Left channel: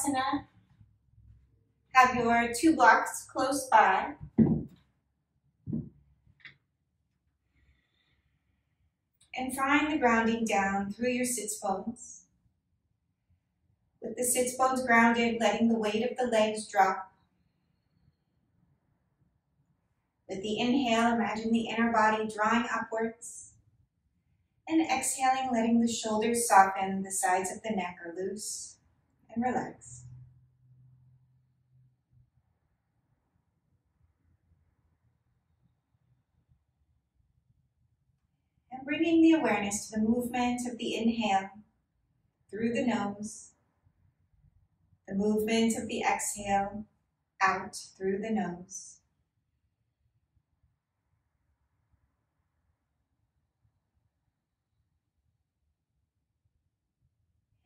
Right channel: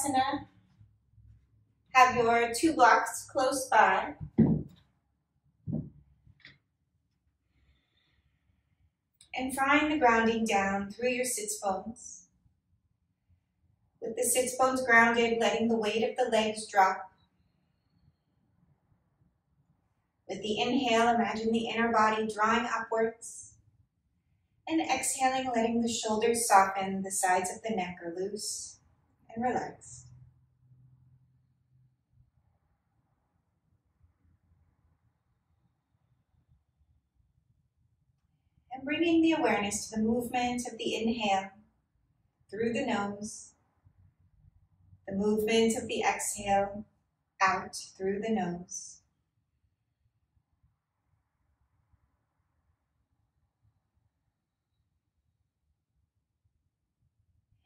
Shavasana. Have your 2 blocks close by. And find the grounding down through your sits bones. With the sits bones grounded, letting the weight of the legs drop. With the inhale, imagine the inner body drawing upwards. And exhaling, letting the shoulders soften, the sides of the neck are loose and relaxed. And bringing the awareness to the movement of the inhale through the nose, the movement of the exhale out through the nose.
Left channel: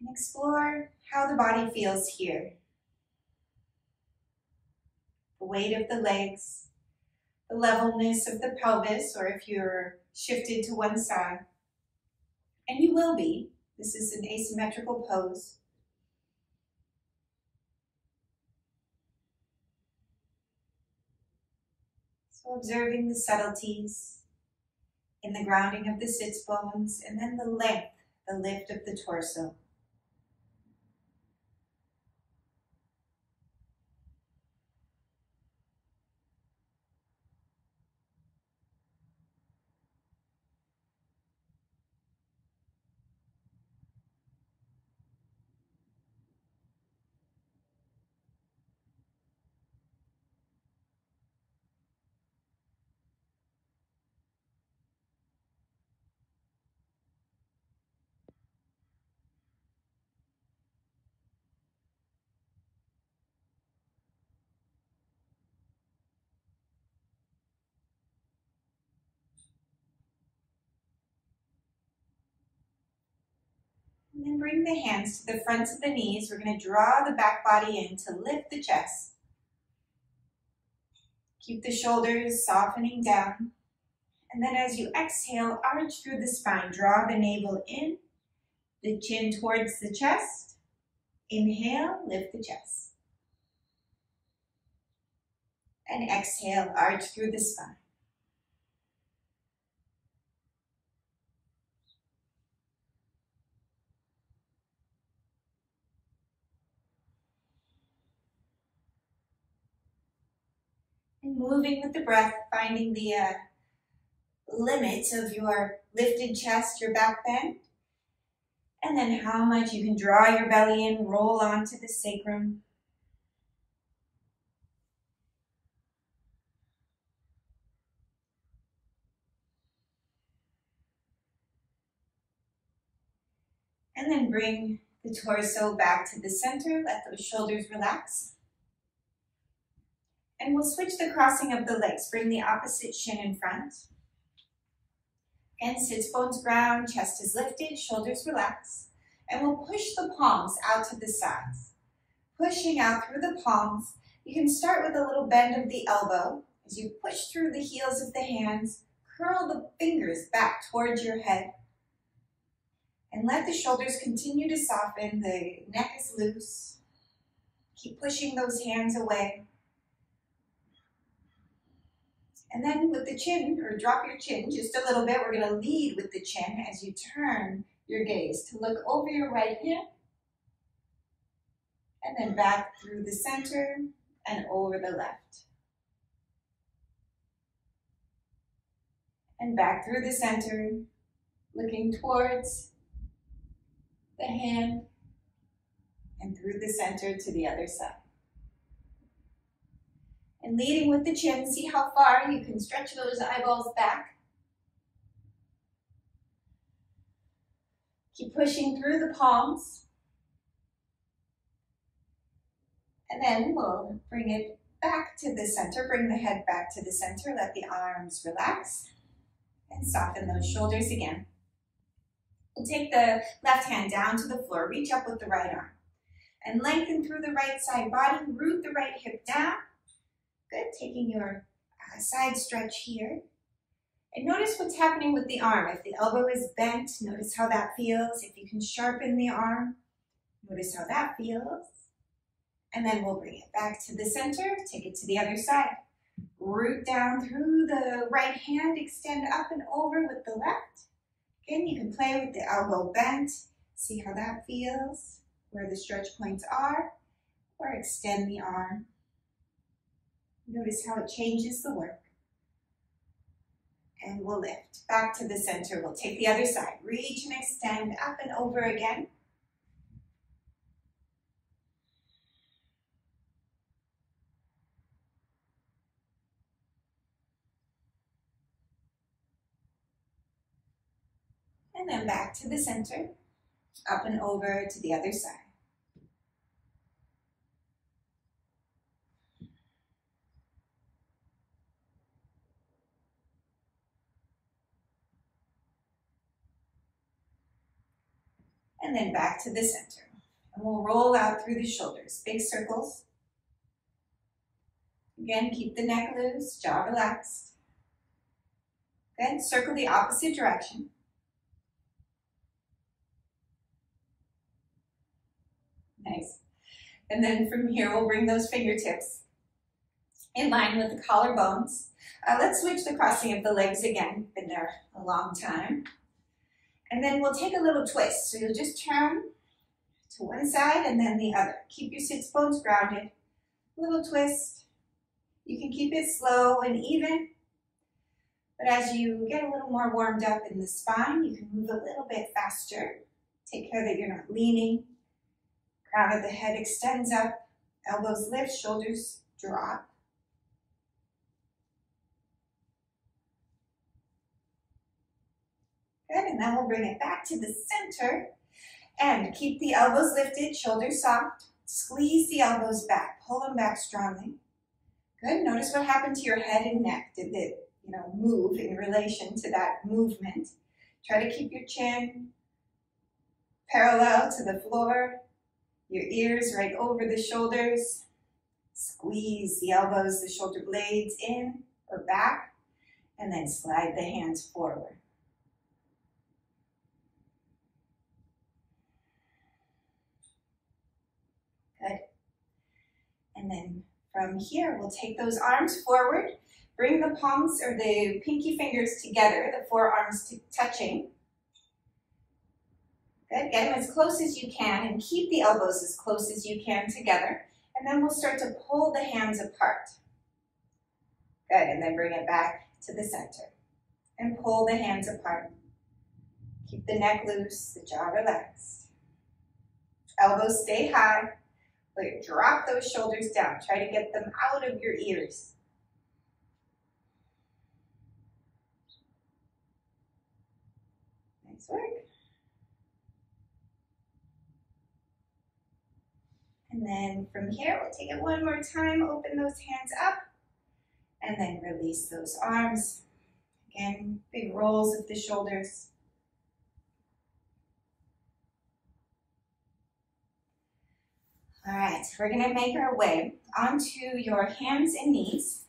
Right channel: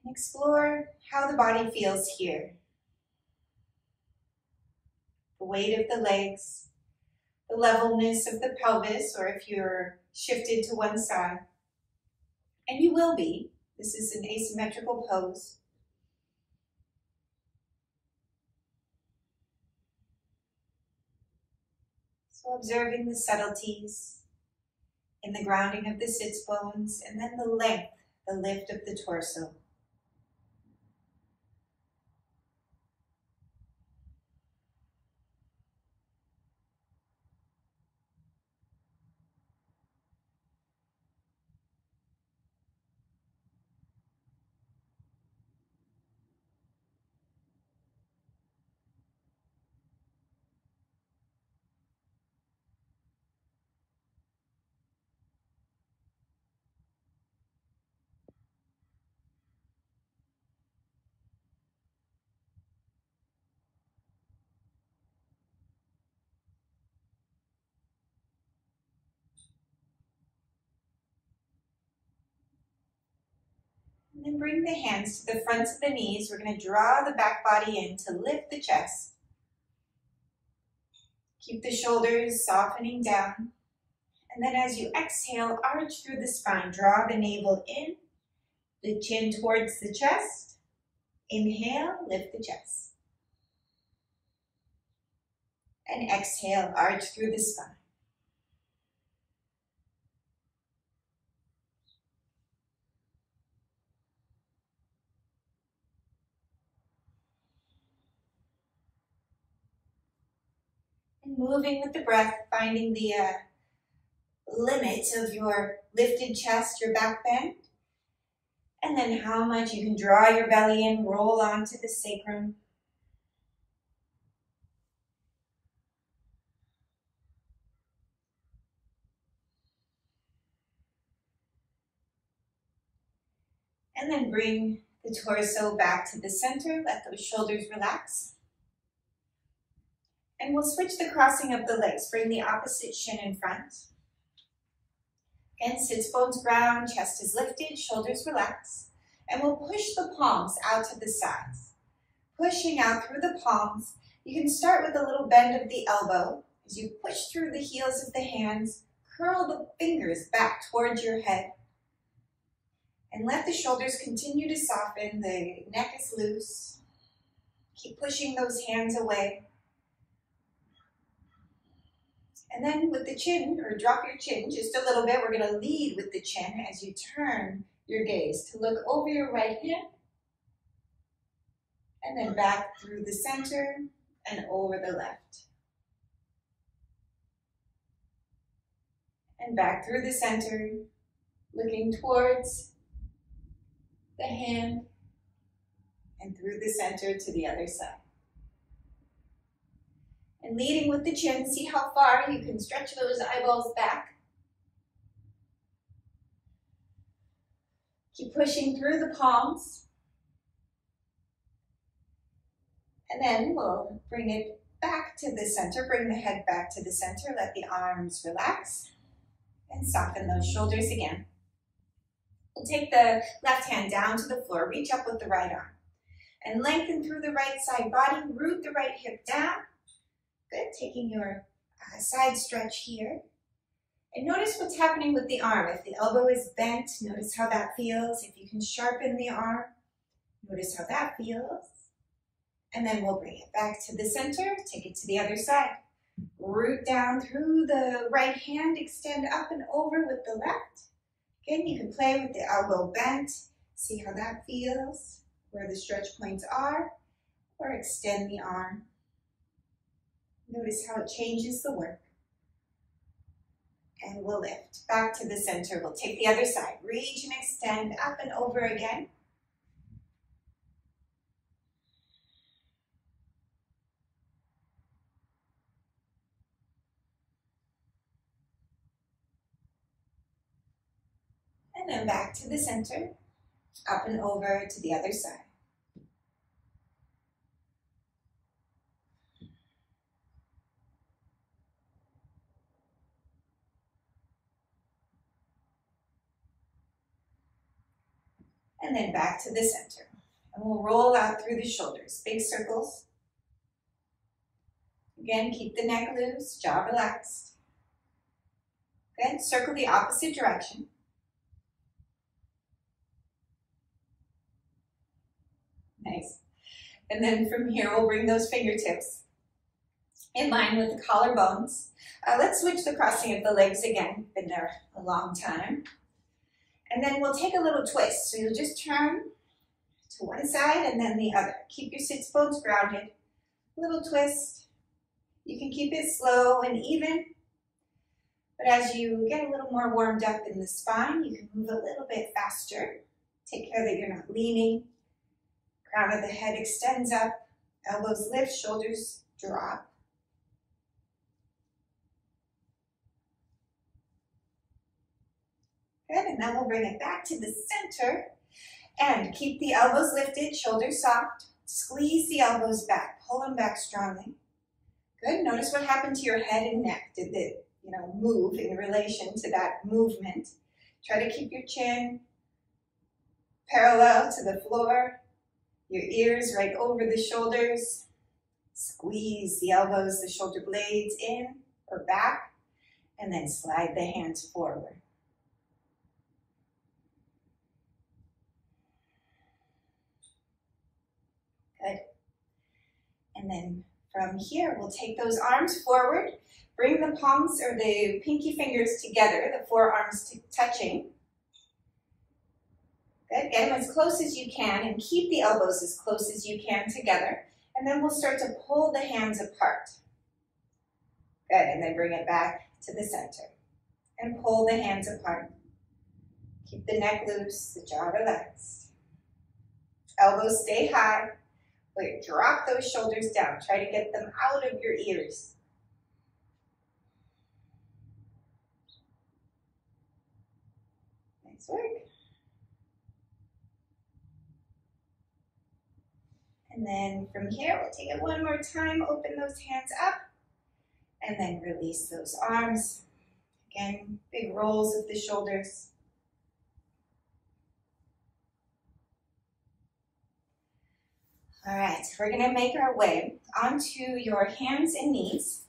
And explore how the body feels here. The weight of the legs, the levelness of the pelvis, or if you're shifted to one side. And you will be. This is an asymmetrical pose. So observing the subtleties in the grounding of the sits bones, and then the length, the lift of the torso. And then bring the hands to the fronts of the knees. We're going to draw the back body in to lift the chest. Keep the shoulders softening down. And then as you exhale, arch through the spine. Draw the navel in, the chin towards the chest. Inhale, lift the chest. And exhale, arch through the spine. And moving with the breath, finding the limit of your lifted chest, your back bend. And then how much you can draw your belly in, roll onto the sacrum. And then bring the torso back to the center. Let those shoulders relax. And we'll switch the crossing of the legs. Bring the opposite shin in front. Again, sits bones ground, chest is lifted, shoulders relax. And we'll push the palms out to the sides. Pushing out through the palms. You can start with a little bend of the elbow. As you push through the heels of the hands, curl the fingers back towards your head. And let the shoulders continue to soften. The neck is loose. Keep pushing those hands away. And then with the chin, or drop your chin just a little bit, we're going to lead with the chin as you turn your gaze to look over your right hand. And then back through the center and over the left. And back through the center, looking towards the hand and through the center to the other side. And leading with the chin, see how far you can stretch those eyeballs back. Keep pushing through the palms. And then we'll bring it back to the center. Bring the head back to the center. Let the arms relax. And soften those shoulders again. We'll take the left hand down to the floor. Reach up with the right arm. And lengthen through the right side body. Root the right hip down. Good, taking your side stretch here. And notice what's happening with the arm. If the elbow is bent, notice how that feels. If you can sharpen the arm, notice how that feels. And then we'll bring it back to the center, take it to the other side. Root down through the right hand, extend up and over with the left. Again, you can play with the elbow bent, see how that feels, where the stretch points are, or extend the arm. Notice how it changes the work. And we'll lift back to the center. We'll take the other side. Reach and extend up and over again. And then back to the center, up and over to the other side. And then back to the center. And we'll roll out through the shoulders, big circles. Again, keep the neck loose, jaw relaxed. Then circle the opposite direction. Nice. And then from here, we'll bring those fingertips in line with the collarbones. Let's switch the crossing of the legs again. Been there a long time. And then we'll take a little twist. So you'll just turn to one side and then the other. Keep your sits bones grounded. Little twist. You can keep it slow and even. But as you get a little more warmed up in the spine, you can move a little bit faster. Take care that you're not leaning. Crown of the head extends up. Elbows lift, shoulders drop. Good, and then we'll bring it back to the center and keep the elbows lifted, shoulders soft. Squeeze the elbows back, pull them back strongly. Good, notice what happened to your head and neck. Did it, move in relation to that movement? Try to keep your chin parallel to the floor, your ears right over the shoulders. Squeeze the elbows, the shoulder blades in or back, and then slide the hands forward. Good. And then from here, we'll take those arms forward, bring the palms or the pinky fingers together, the forearms touching. Good, get them as close as you can and keep the elbows as close as you can together. And then we'll start to pull the hands apart. Good, and then bring it back to the center. And pull the hands apart. Keep the neck loose, the jaw relaxed. Elbows stay high. Drop those shoulders down. Try to get them out of your ears. Nice work. And then from here, we'll take it one more time. Open those hands up. And then release those arms. Again, big rolls of the shoulders. All right, we're gonna make our way onto your hands and knees.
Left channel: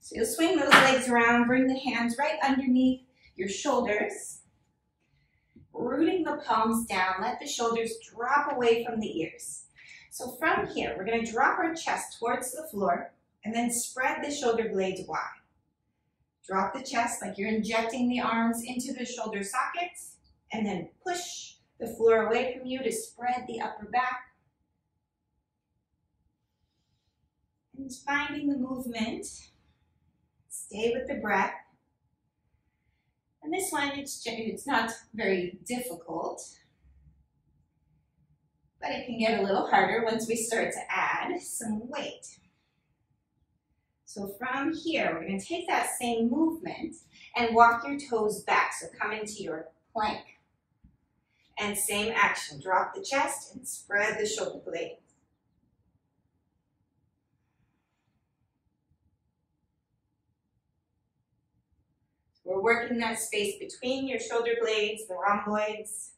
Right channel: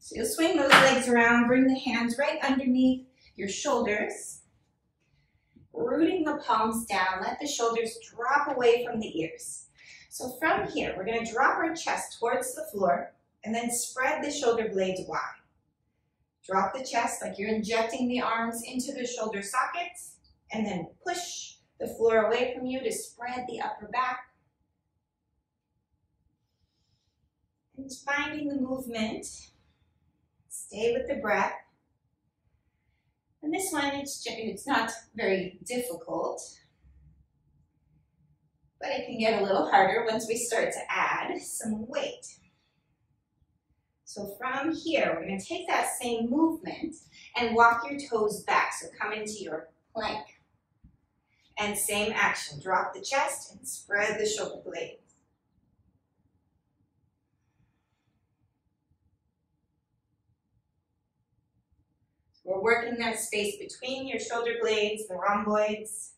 So you'll swing those legs around, bring the hands right underneath your shoulders, rooting the palms down, let the shoulders drop away from the ears. So from here, we're gonna drop our chest towards the floor and then spread the shoulder blades wide. Drop the chest like you're injecting the arms into the shoulder sockets and then push the floor away from you to spread the upper back. And finding the movement, stay with the breath. And this one, it's not very difficult, but it can get a little harder once we start to add some weight. So from here, we're going to take that same movement and walk your toes back. So come into your plank. And same action, drop the chest and spread the shoulder blades. We're working that space between your shoulder blades, the rhomboids.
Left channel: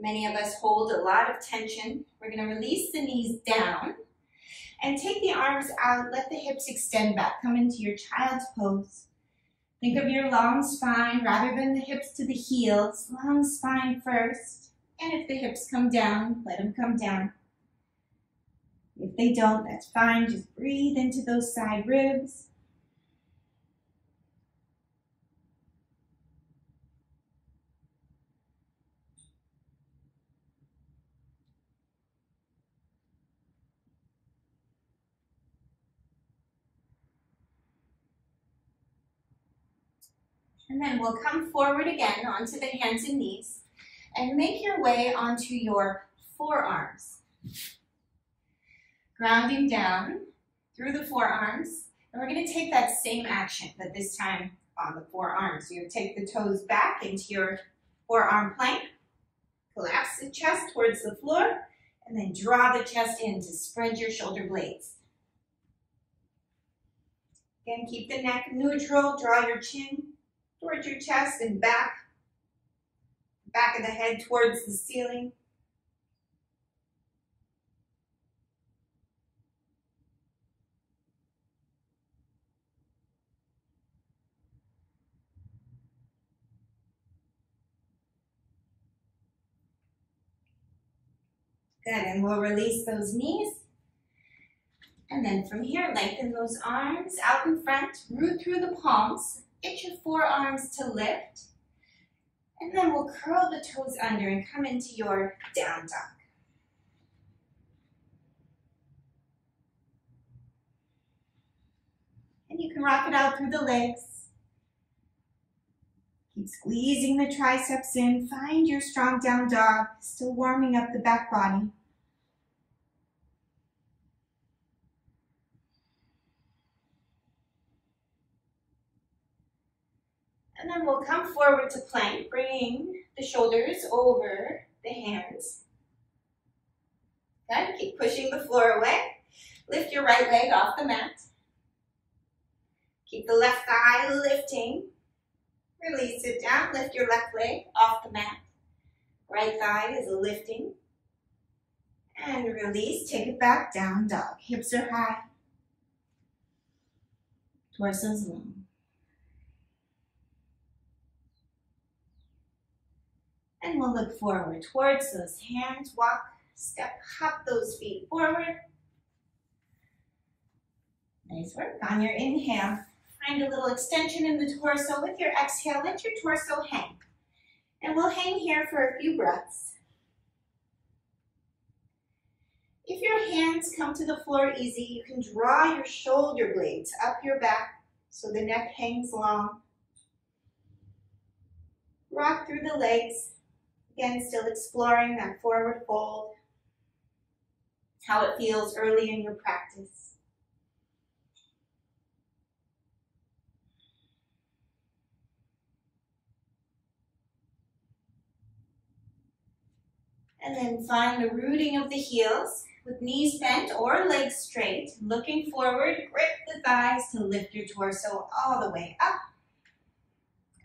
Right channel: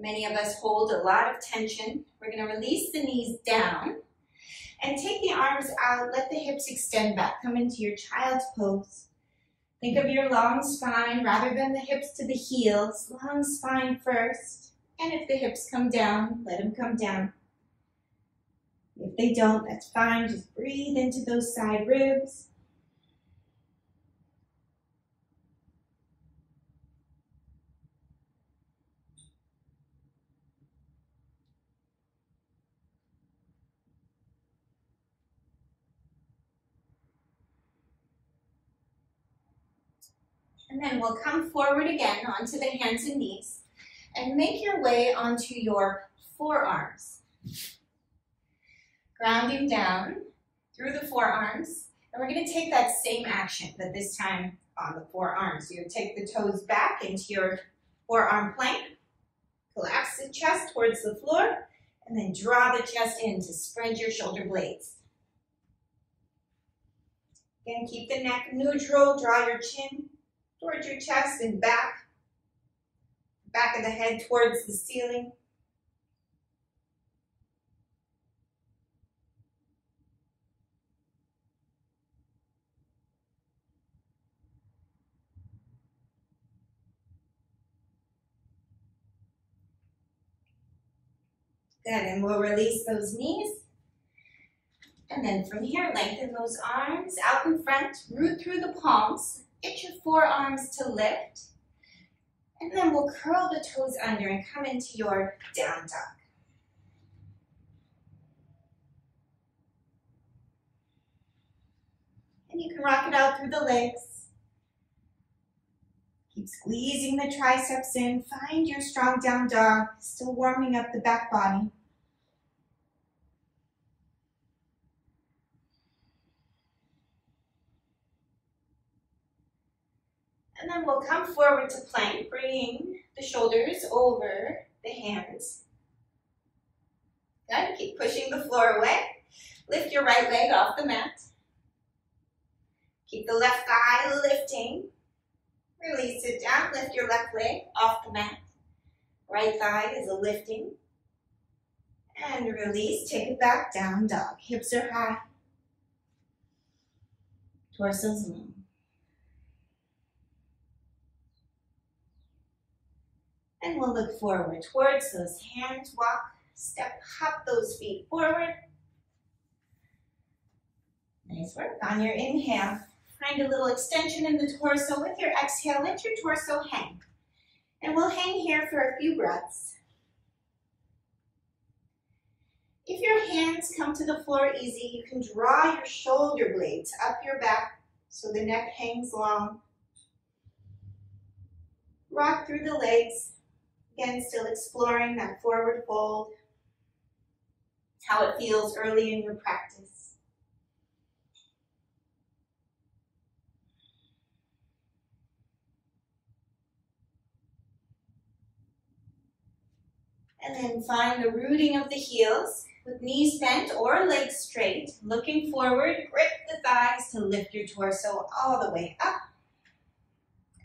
Many of us hold a lot of tension. We're going to release the knees down and take the arms out, let the hips extend back, come into your child's pose. Think of your long spine rather than the hips to the heels. Long spine first. And if the hips come down, let them come down. If they don't, that's fine. Just breathe into those side ribs. And then we'll come forward again onto the hands and knees and make your way onto your forearms. Grounding down through the forearms. And we're going to take that same action, but this time on the forearms. You take the toes back into your forearm plank. Collapse the chest towards the floor. And then draw the chest in to spread your shoulder blades. Again, keep the neck neutral. Draw your chin towards your chest and back of the head towards the ceiling. Good, and we'll release those knees. And then from here, lengthen those arms out in front, root through the palms. Get your forearms to lift, and then we'll curl the toes under and come into your down dog. And you can rock it out through the legs. Keep squeezing the triceps in. Find your strong down dog, still warming up the back body. And then we'll come forward to plank, bringing the shoulders over the hands. Good, keep pushing the floor away. Lift your right leg off the mat. Keep the left thigh lifting. Release it down, lift your left leg off the mat. Right thigh is lifting. And release, take it back, down dog. Hips are high. Torso's long. And we'll look forward towards those hands. Walk, step, hop those feet forward. Nice work. On your inhale, find a little extension in the torso. With your exhale, let your torso hang. And we'll hang here for a few breaths. If your hands come to the floor easy, you can draw your shoulder blades up your back so the neck hangs long. Rock through the legs. Again, still exploring that forward fold, how it feels early in your practice. And then find the rooting of the heels with knees bent or legs straight, looking forward, grip the thighs to lift your torso all the way up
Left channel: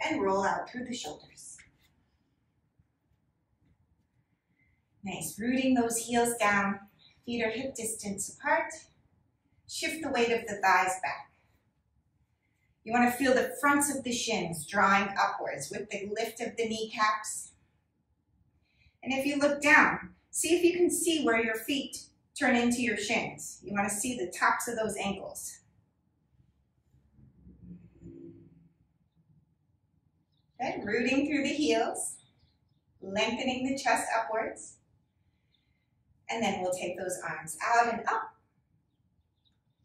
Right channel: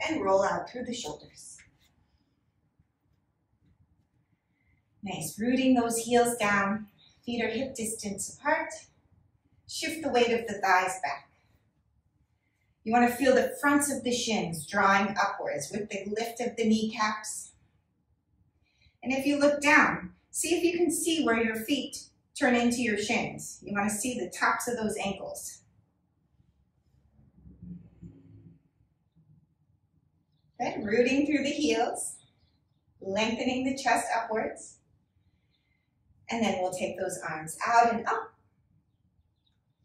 and roll out through the shoulders. Nice, rooting those heels down, feet are hip distance apart. Shift the weight of the thighs back. You want to feel the fronts of the shins drawing upwards with the lift of the kneecaps. And if you look down, see if you can see where your feet turn into your shins. You want to see the tops of those ankles. Good, rooting through the heels, lengthening the chest upwards. And then we'll take those arms out and up.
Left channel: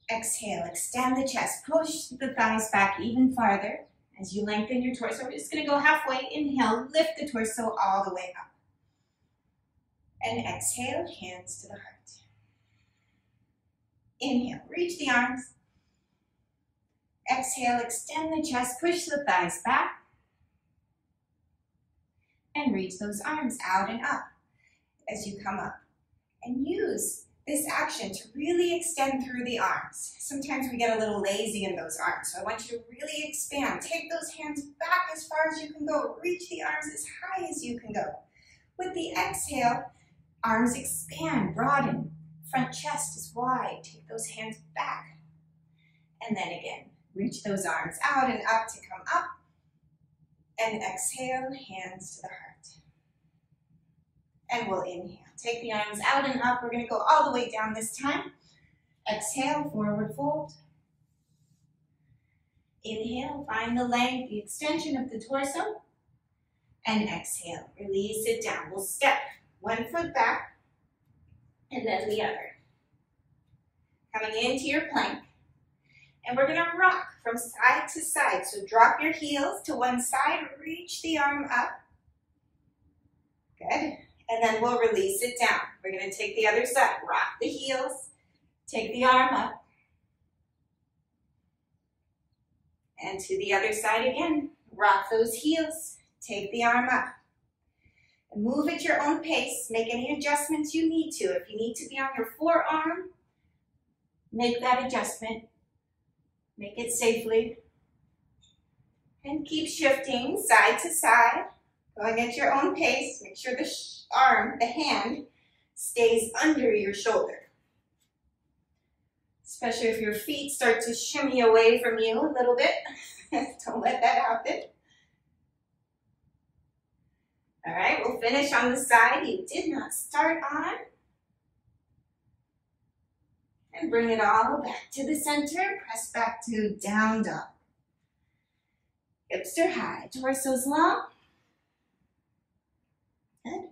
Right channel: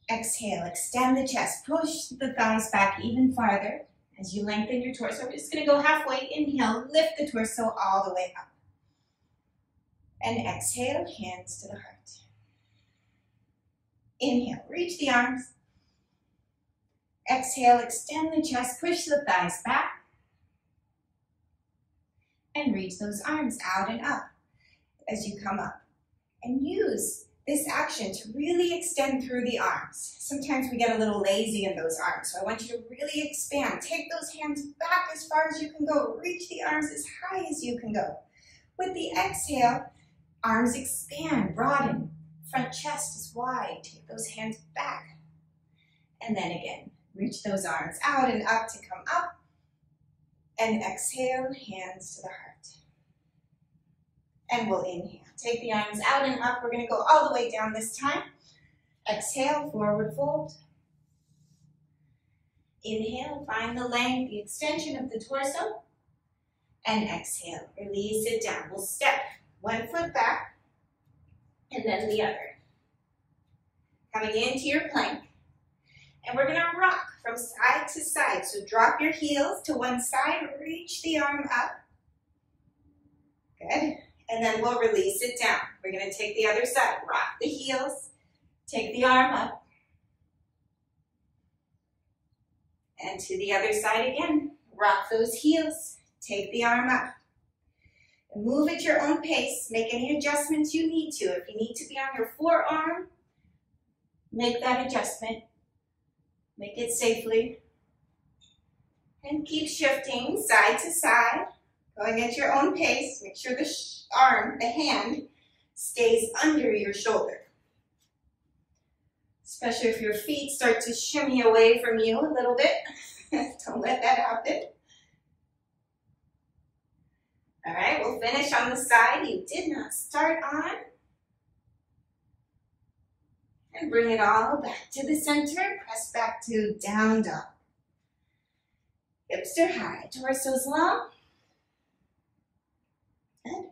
Exhale, extend the chest, push the thighs back even farther as you lengthen your torso. We're just gonna go halfway. Inhale, lift the torso all the way up. And exhale, hands to the heart. Inhale, reach the arms. Exhale, extend the chest, push the thighs back. And reach those arms out and up as you come up. And use this action to really extend through the arms. Sometimes we get a little lazy in those arms, so I want you to really expand. Take those hands back as far as you can go. Reach the arms as high as you can go. With the exhale, arms expand, broaden. Front chest is wide. Take those hands back. And then again, Reach those arms out and up to come up. And exhale, hands to the heart. And we'll inhale. Take the arms out and up. We're going to go all the way down this time. Exhale, forward fold. Inhale, find the length, the extension of the torso. And exhale, release it down. We'll step one foot back and then the other. Coming into your plank. And we're going to rock from side to side. So drop your heels to one side, reach the arm up. Good. And then we'll release it down. We're going to take the other side, rock the heels, take the arm up. And to the other side again, rock those heels, take the arm up. And move at your own pace, make any adjustments you need to. If you need to be on your forearm, make that adjustment. Make it safely. And keep shifting side to side, going at your own pace. Make sure the hand, stays under your shoulder. Especially if your feet start to shimmy away from you a little bit. Don't let that happen. All right, we'll finish on the side you did not start on. And bring it all back to the center. Press back to down dog. Hips are high, torso's long. Good.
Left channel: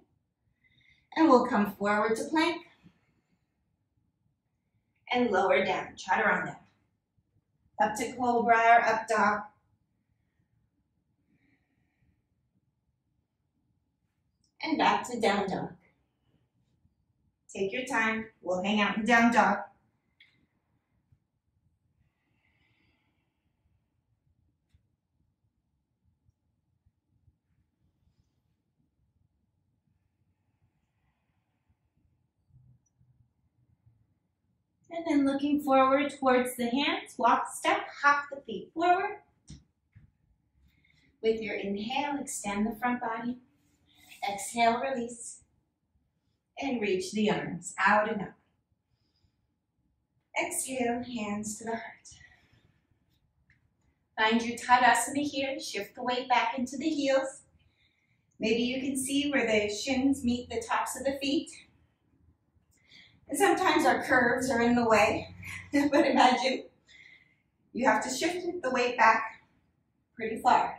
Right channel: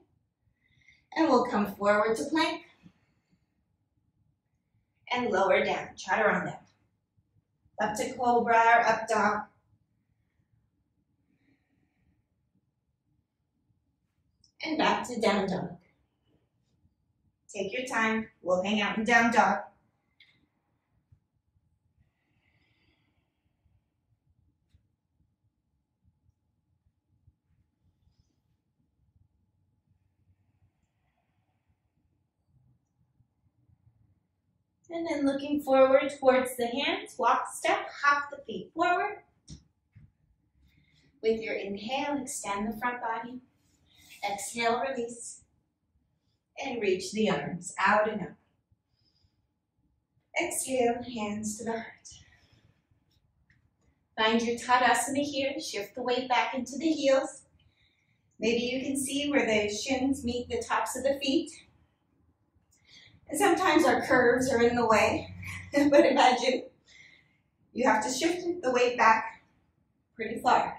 And we'll come forward to plank. And lower down, chaturanga. Up to cobra or up dog. And back to down dog. Take your time, we'll hang out in down dog. And then looking forward towards the hands, walk, step, hop the feet forward. With your inhale, extend the front body. Exhale, release. And reach the arms out and up. Exhale, hands to the heart. Find your Tadasana here. Shift the weight back into the heels. Maybe you can see where the shins meet the tops of the feet. And sometimes our curves are in the way, but imagine you have to shift the weight back pretty far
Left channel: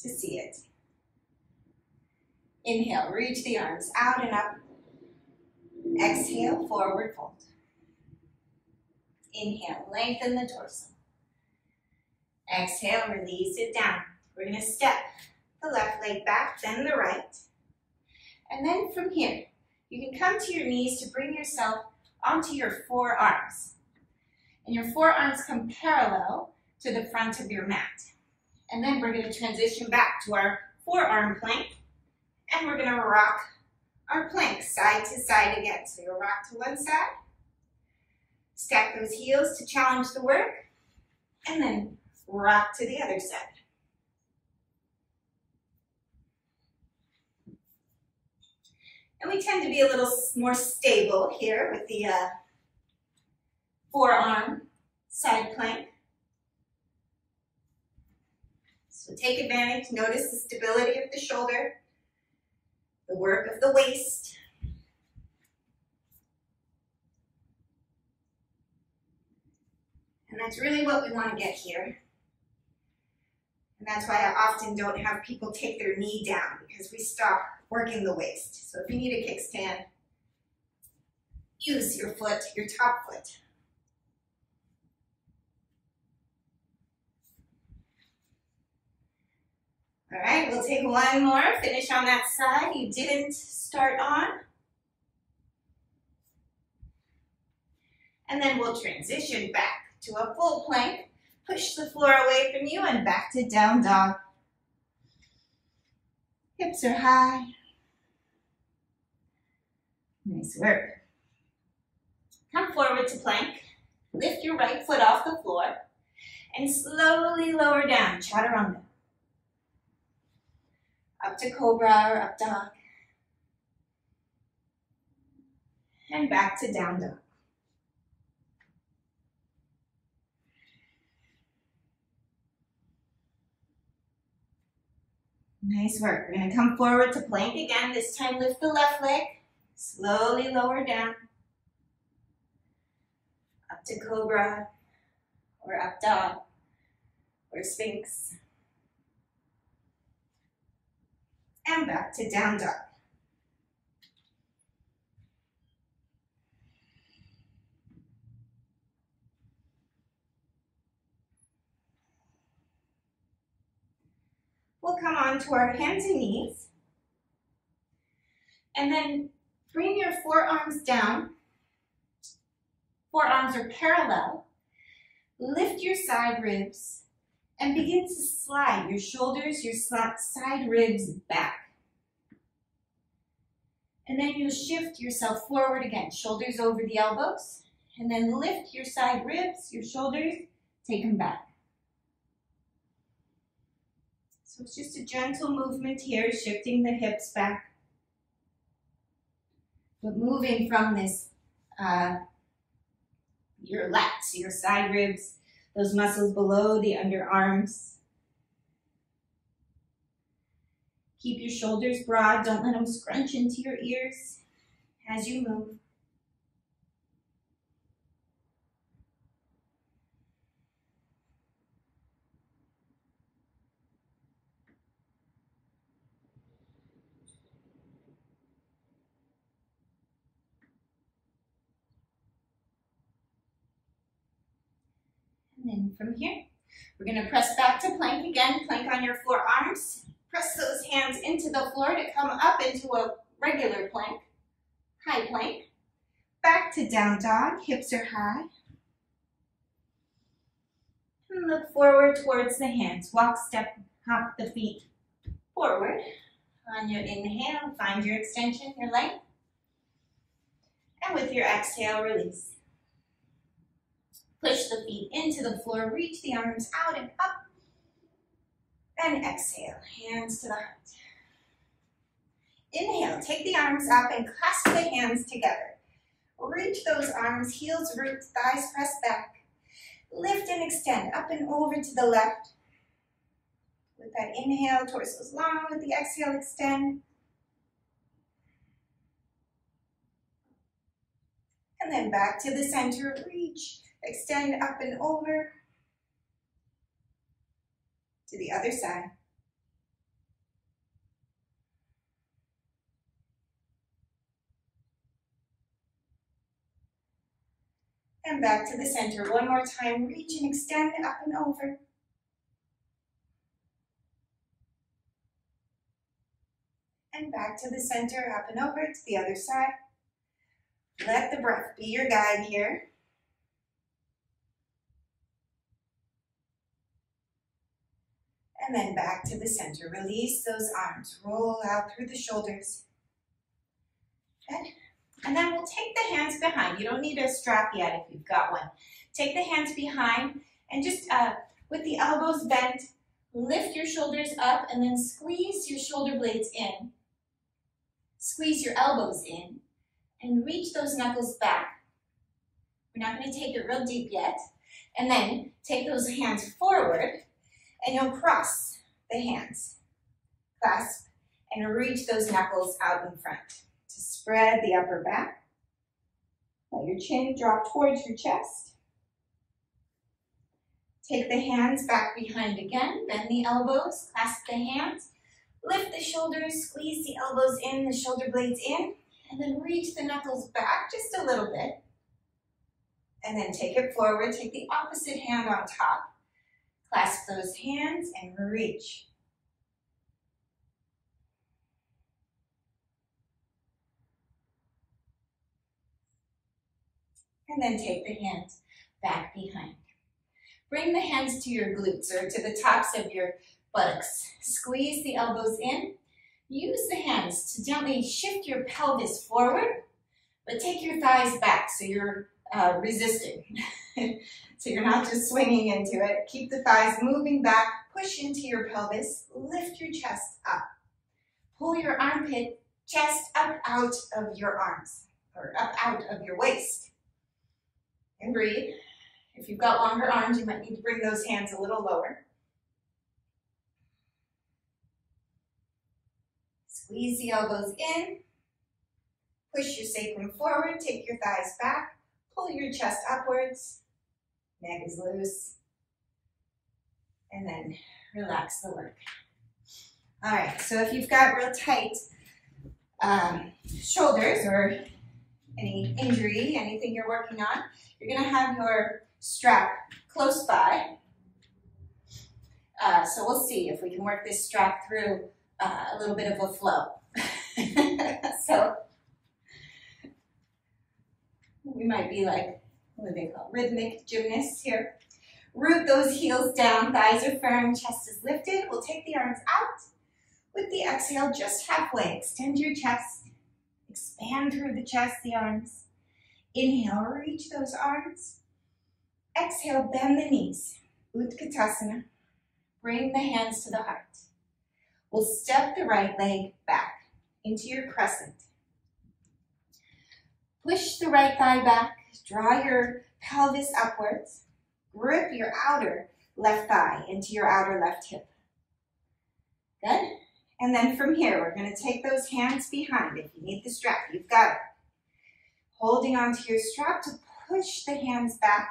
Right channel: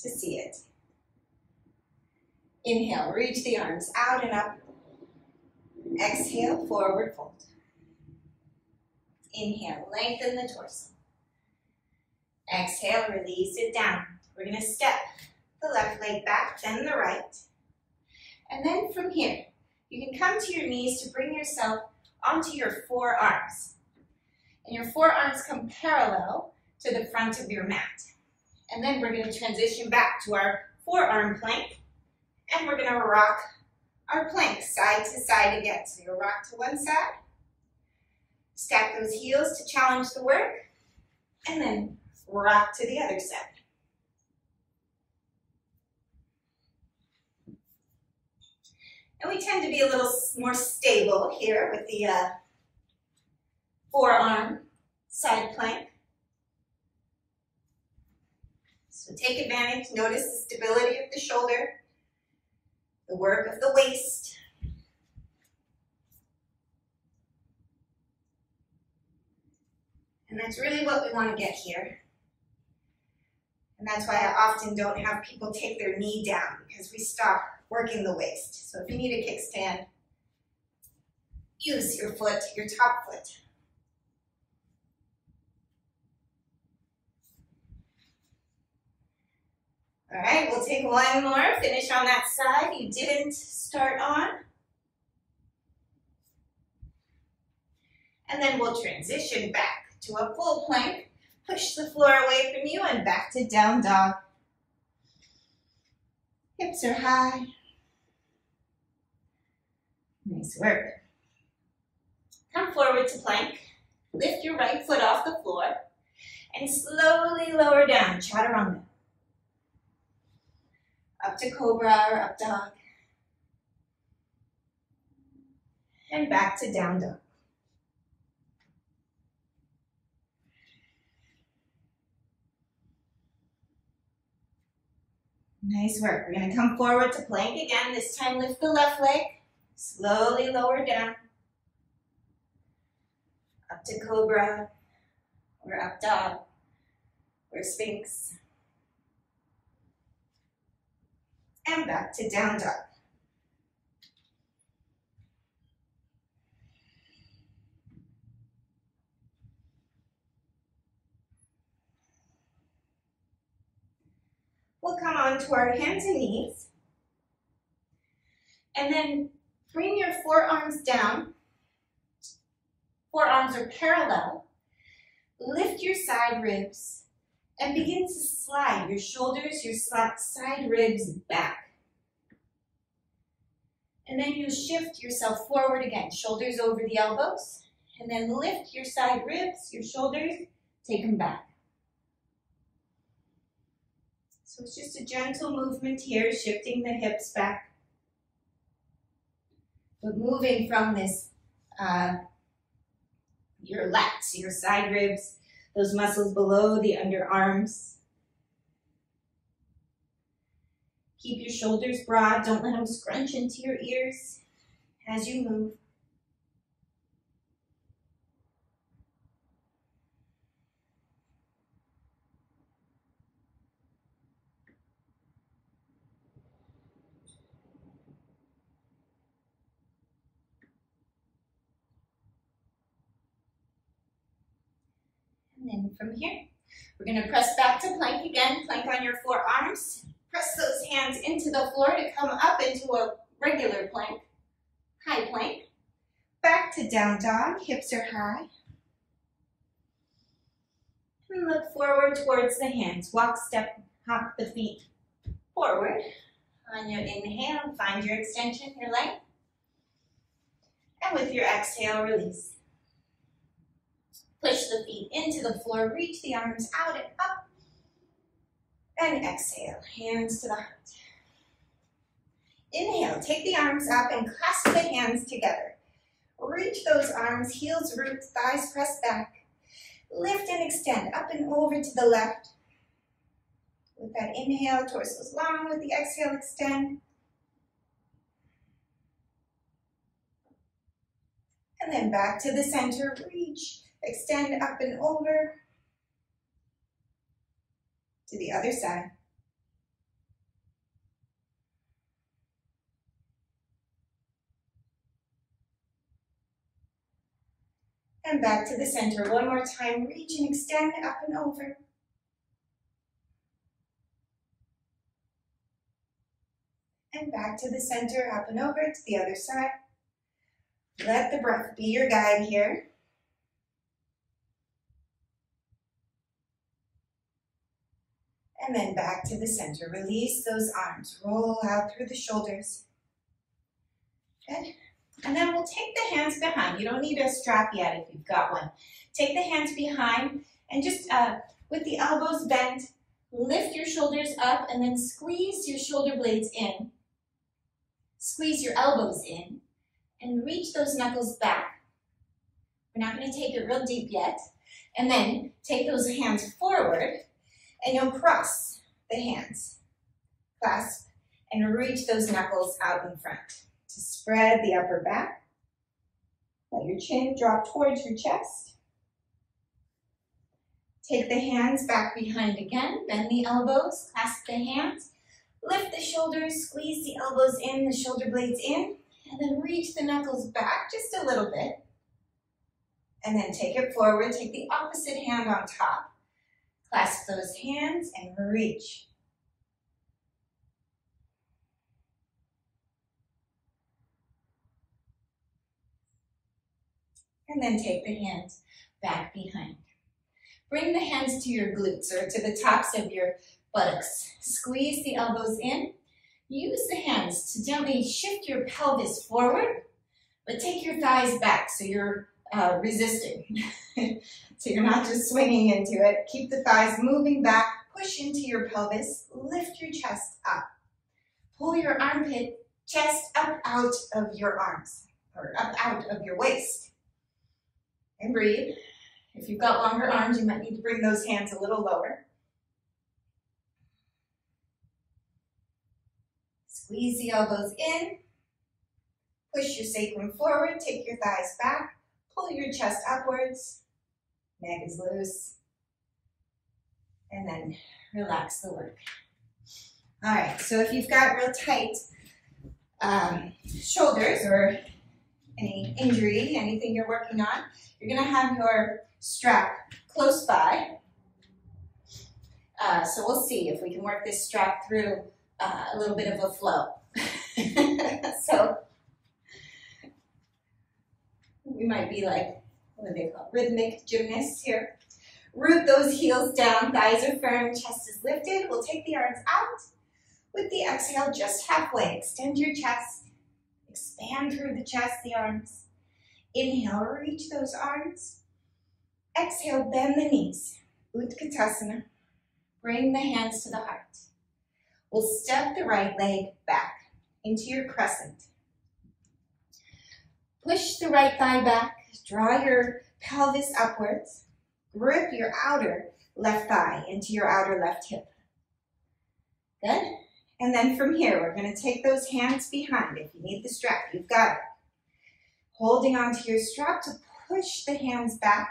to see it. Inhale, reach the arms out and up. Exhale, forward fold. Inhale, lengthen the torso. Exhale, release it down. We're going to step the left leg back, then the right. And then from here, you can come to your knees to bring yourself onto your forearms. And your forearms come parallel to the front of your mat. And then we're going to transition back to our forearm plank. And we're going to rock our plank side to side again. So you'll rock to one side. Stack those heels to challenge the work. And then rock to the other side. And we tend to be a little more stable here with the forearm side plank. So take advantage, notice the stability of the shoulder, the work of the waist. And that's really what we want to get here. And that's why I often don't have people take their knee down, because we stop working the waist. So if you need a kickstand, use your foot, your top foot. All right, we'll take one more, finish on that side you didn't start on. And then we'll transition back to a full plank. Push the floor away from you and back to down dog. Hips are high. Nice work. Come forward to plank. Lift your right foot off the floor and slowly lower down, chaturanga. Up to cobra or up dog. And back to down dog. Nice work. We're going to come forward to plank again. This time lift the left leg. Slowly lower down. Up to cobra, or up dog, or sphinx. And back to down dog. We'll come on to our hands and knees. And then bring your forearms down. Forearms are parallel. Lift your side ribs and begin to slide your shoulders, your side ribs back. And then you shift yourself forward again, shoulders over the elbows, and then lift your side ribs, your shoulders, take them back. So it's just a gentle movement here, shifting the hips back. But moving from this, your lats, your side ribs, those muscles below the underarms. Keep your shoulders broad, don't let them scrunch into your ears as you move. And then from here, we're going to press back to plank again. Plank on your forearms. Press those hands into the floor to come up into a regular plank. High plank. Back to down dog. Hips are high. And look forward towards the hands. Walk, step, hop the feet forward. On your inhale, find your extension, your length. And with your exhale, release. Push the feet into the floor, reach the arms out and up, and exhale, hands to the heart. Inhale, take the arms up and clasp the hands together. Reach those arms, heels root, thighs press back. Lift and extend up and over to the left. With that inhale, torso's long, with the exhale, extend. And then back to the center, reach. Extend up and over to the other side. And back to the center. One more time. Reach and extend up and over. And back to the center, up and over to the other side. Let the breath be your guide here. And then back to the center. Release those arms. Roll out through the shoulders. Good. And then we'll take the hands behind. You don't need a strap yet if you've got one. Take the hands behind and just with the elbows bent, lift your shoulders up and then squeeze your shoulder blades in. Squeeze your elbows in and reach those knuckles back. We're not going to take it real deep yet. And then take those hands forward. And you'll cross the hands, clasp, and reach those knuckles out in front to spread the upper back. Let your chin drop towards your chest. Take the hands back behind again, bend the elbows, clasp the hands, lift the shoulders, squeeze the elbows in, the shoulder blades in, and then reach the knuckles back just a little bit. And then take it forward, take the opposite hand on top. Clasp those hands and reach. And then take the hands back behind. Bring the hands to your glutes or to the tops of your buttocks. Squeeze the elbows in. Use the hands to gently shift your pelvis forward, but take your thighs back so you're resisting. So you're not just swinging into it. Keep the thighs moving back. Push into your pelvis. Lift your chest up. Pull your armpit, chest up out of your arms, or up out of your waist. And breathe. If you've got longer arms, you might need to bring those hands a little lower. Squeeze the elbows in. Push your sacrum forward, take your thighs back, pull your chest upwards. Neck is loose. And then relax the work. All right, so if you've got real tight shoulders or any injury, anything you're working on, you're gonna have your strap close by. So we'll see if we can work this strap through a little bit of a flow. So we might be like, what do they call, rhythmic gymnasts here. Root those heels down, thighs are firm, chest is lifted. We'll take the arms out. With the exhale, just halfway. Extend your chest. Expand through the chest, the arms. Inhale, reach those arms. Exhale, bend the knees. Utkatasana. Bring the hands to the heart. We'll step the right leg back into your crescent. Push the right thigh back. Draw your pelvis upwards. Grip your outer left thigh into your outer left hip. Good. And then from here, we're going to take those hands behind. If you need the strap, you've got it. Holding onto your strap to push the hands back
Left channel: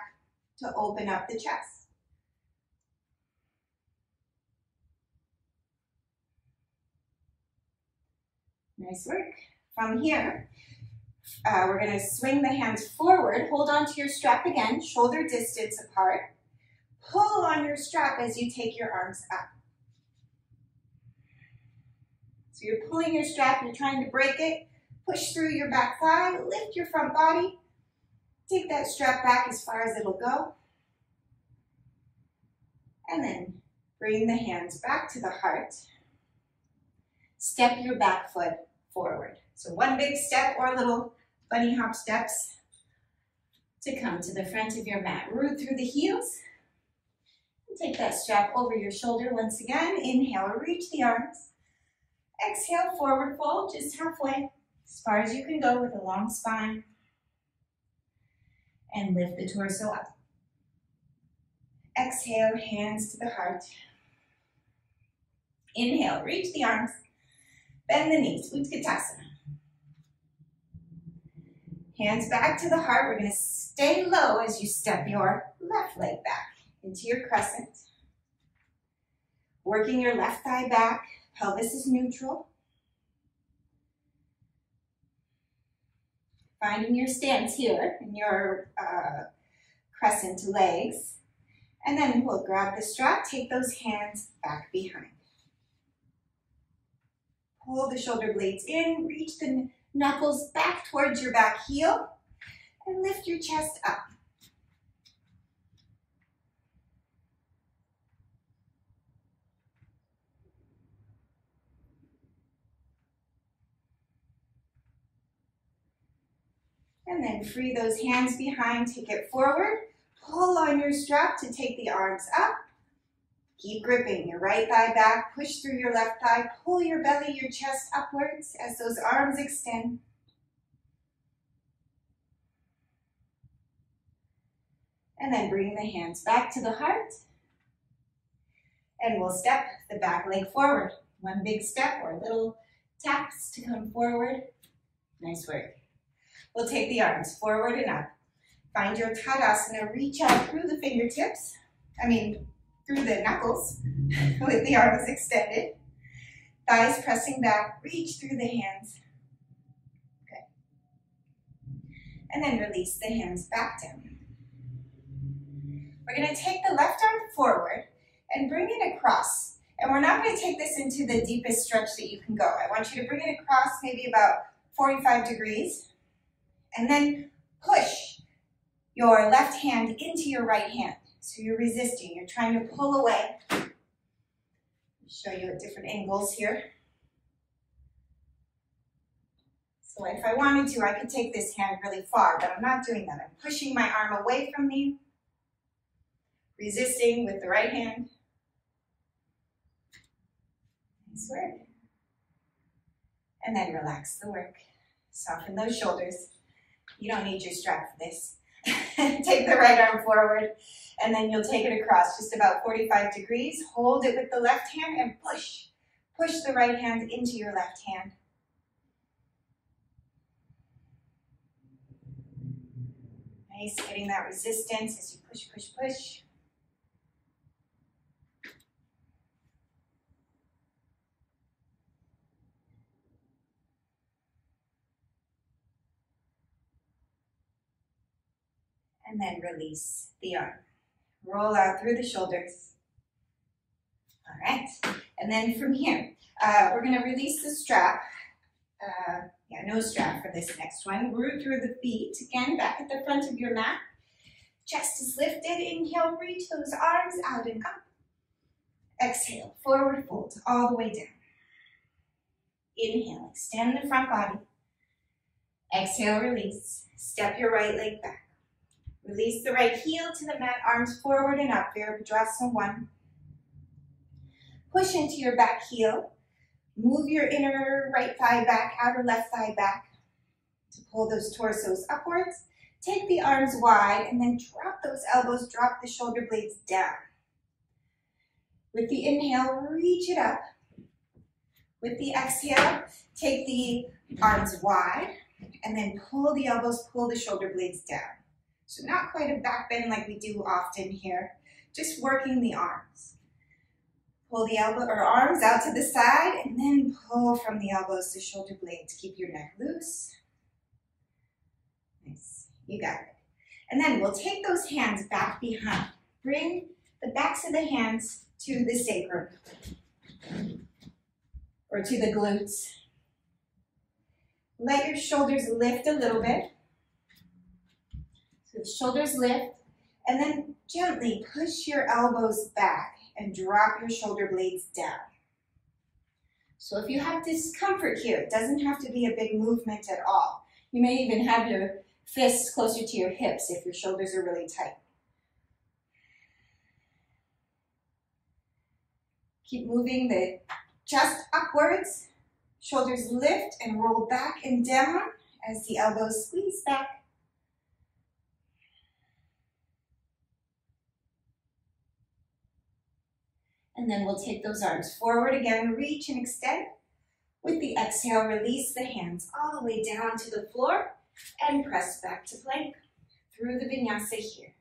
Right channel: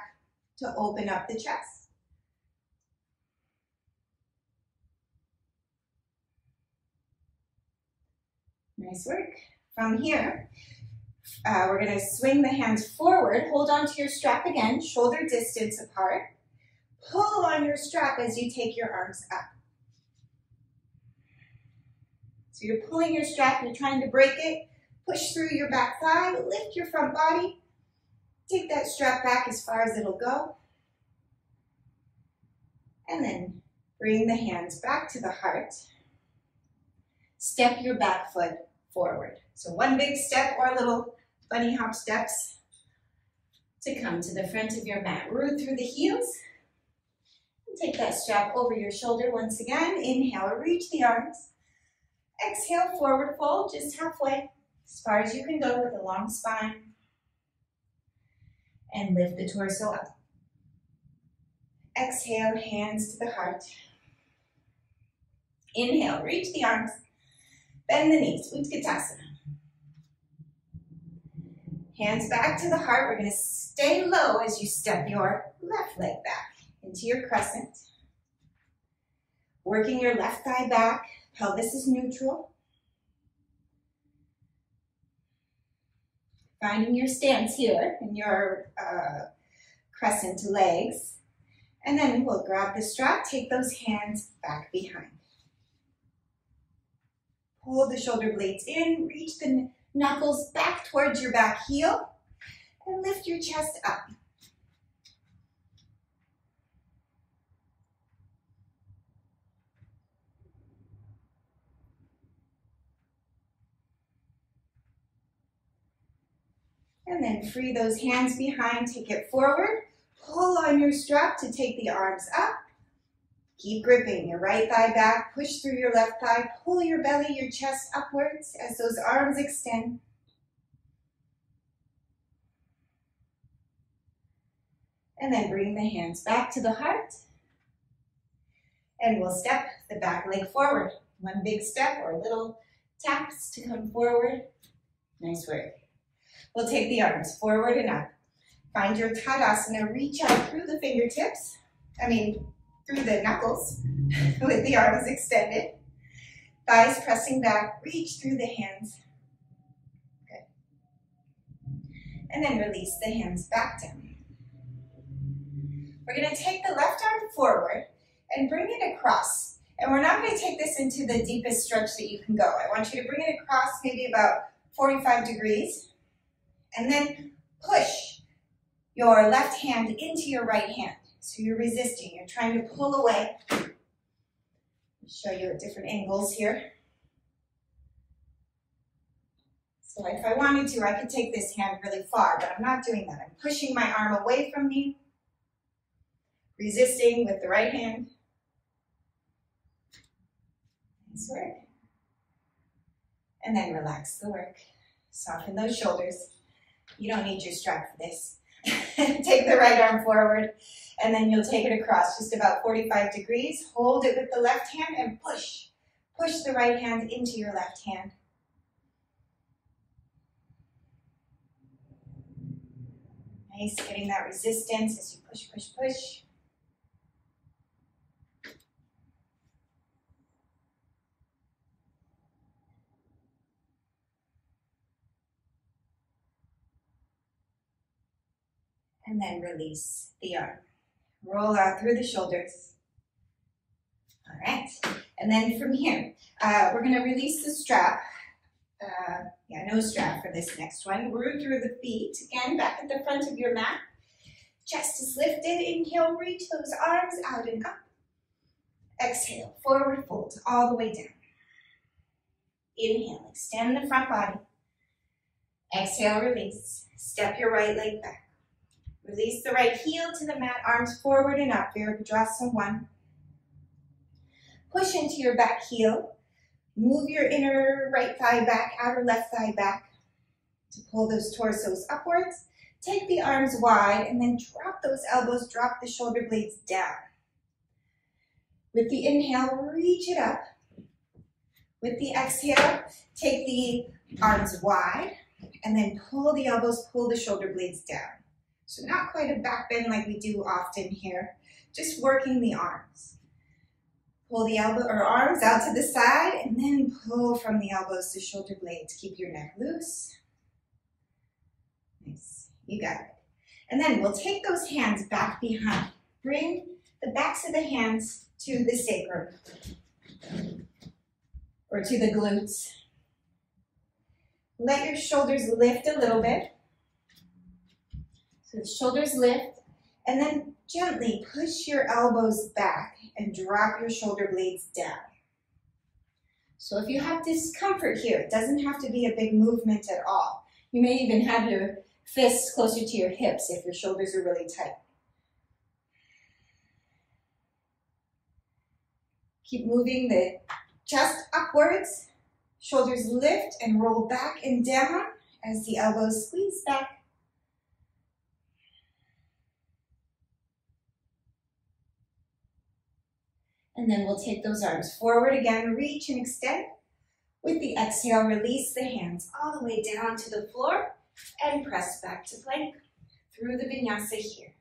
to open up the chest. Nice work. From here, we're going to swing the hands forward. Hold onto your strap again, shoulder distance apart. Pull on your strap as you take your arms up. So you're pulling your strap, you're trying to break it. Push through your back thigh, lift your front body. Take that strap back as far as it'll go. And then bring the hands back to the heart. Step your back foot forward. So one big step or little bunny hop steps to come to the front of your mat. Root through the heels. Take that strap over your shoulder once again. Inhale, reach the arms. Exhale, forward fold, just halfway, as far as you can go with a long spine. And lift the torso up. Exhale, hands to the heart. Inhale, reach the arms. Bend the knees, Utkatasana. Hands back to the heart. We're going to stay low as you step your left leg back into your crescent. Working your left thigh back. Pelvis is neutral. Finding your stance here in your crescent legs. And then we'll grab the strap, take those hands back behind. Pull the shoulder blades in, reach the knuckles back towards your back heel, and lift your chest up. And then free those hands behind, take it forward. Pull on your strap to take the arms up. Keep gripping your right thigh back, push through your left thigh, pull your belly, your chest upwards as those arms extend. And then bring the hands back to the heart. And we'll step the back leg forward. One big step or little taps to come forward. Nice work. We'll take the arms forward and up. Find your Tadasana, reach out through the fingertips. Through the knuckles with the arms extended. Thighs pressing back, reach through the hands. Good. And then release the hands back down. We're going to take the left arm forward and bring it across. And we're not going to take this into the deepest stretch that you can go. I want you to bring it across maybe about 45 degrees. And then push your left hand into your right hand. So you're resisting, you're trying to pull away. I'll show you at different angles here. So if I wanted to, I could take this hand really far, but I'm not doing that. I'm pushing my arm away from me, resisting with the right hand. Nice work. And then relax the work. Soften those shoulders. You don't need your strap for this. Take the right arm forward. And then you'll take it across just about 45 degrees. Hold it with the left hand and push. Push the right hand into your left hand. Nice, getting that resistance as you push, push, push. And then release the arm. Roll out through the shoulders. All right, and then from here, we're gonna release the strap. No strap for this next one. Root through the feet. Again, back at the front of your mat. Chest is lifted. Inhale, reach those arms out and up. Exhale, forward fold all the way down. Inhale, extend the front body. Exhale, release. Step your right leg back. Release the right heel to the mat, arms forward and up. Virabhadrasana 1. Push into your back heel. Move your inner right thigh back, outer left thigh back to pull those torsos upwards. Take the arms wide and then drop those elbows, drop the shoulder blades down. With the inhale, reach it up. With the exhale, take the arms wide and then pull the elbows, pull the shoulder blades down. So not quite a back bend like we do often here, just working the arms. Pull the elbow or arms out to the side and then pull from the elbows to shoulder blades. Keep your neck loose. Nice, you got it. And then we'll take those hands back behind. Bring the backs of the hands to the sacrum or to the glutes. Let your shoulders lift a little bit. So the shoulders lift and then gently push your elbows back and drop your shoulder blades down. So if you have discomfort here, it doesn't have to be a big movement at all. You may even have your fists closer to your hips if your shoulders are really tight. Keep moving the chest upwards, shoulders lift and roll back and down as the elbows squeeze back. And then we'll take those arms forward again, reach and extend. With the exhale, release the hands all the way down to the floor and press back to plank through the vinyasa here.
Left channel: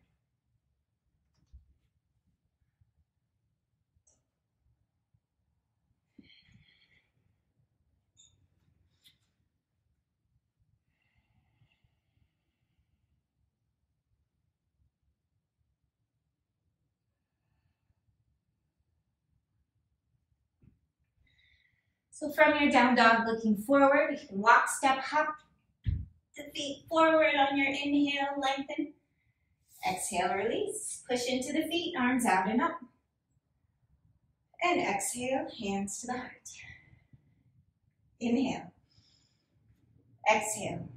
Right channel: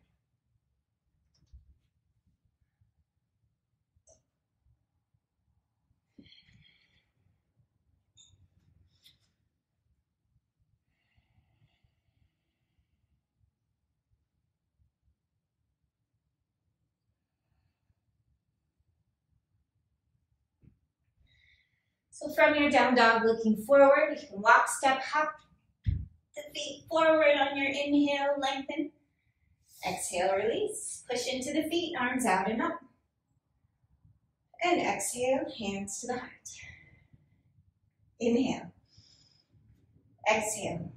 So from your down dog looking forward, you can walk, step, hop the feet forward on your inhale, lengthen. Exhale, release. Push into the feet, arms out and up. And exhale, hands to the heart. Inhale. Exhale.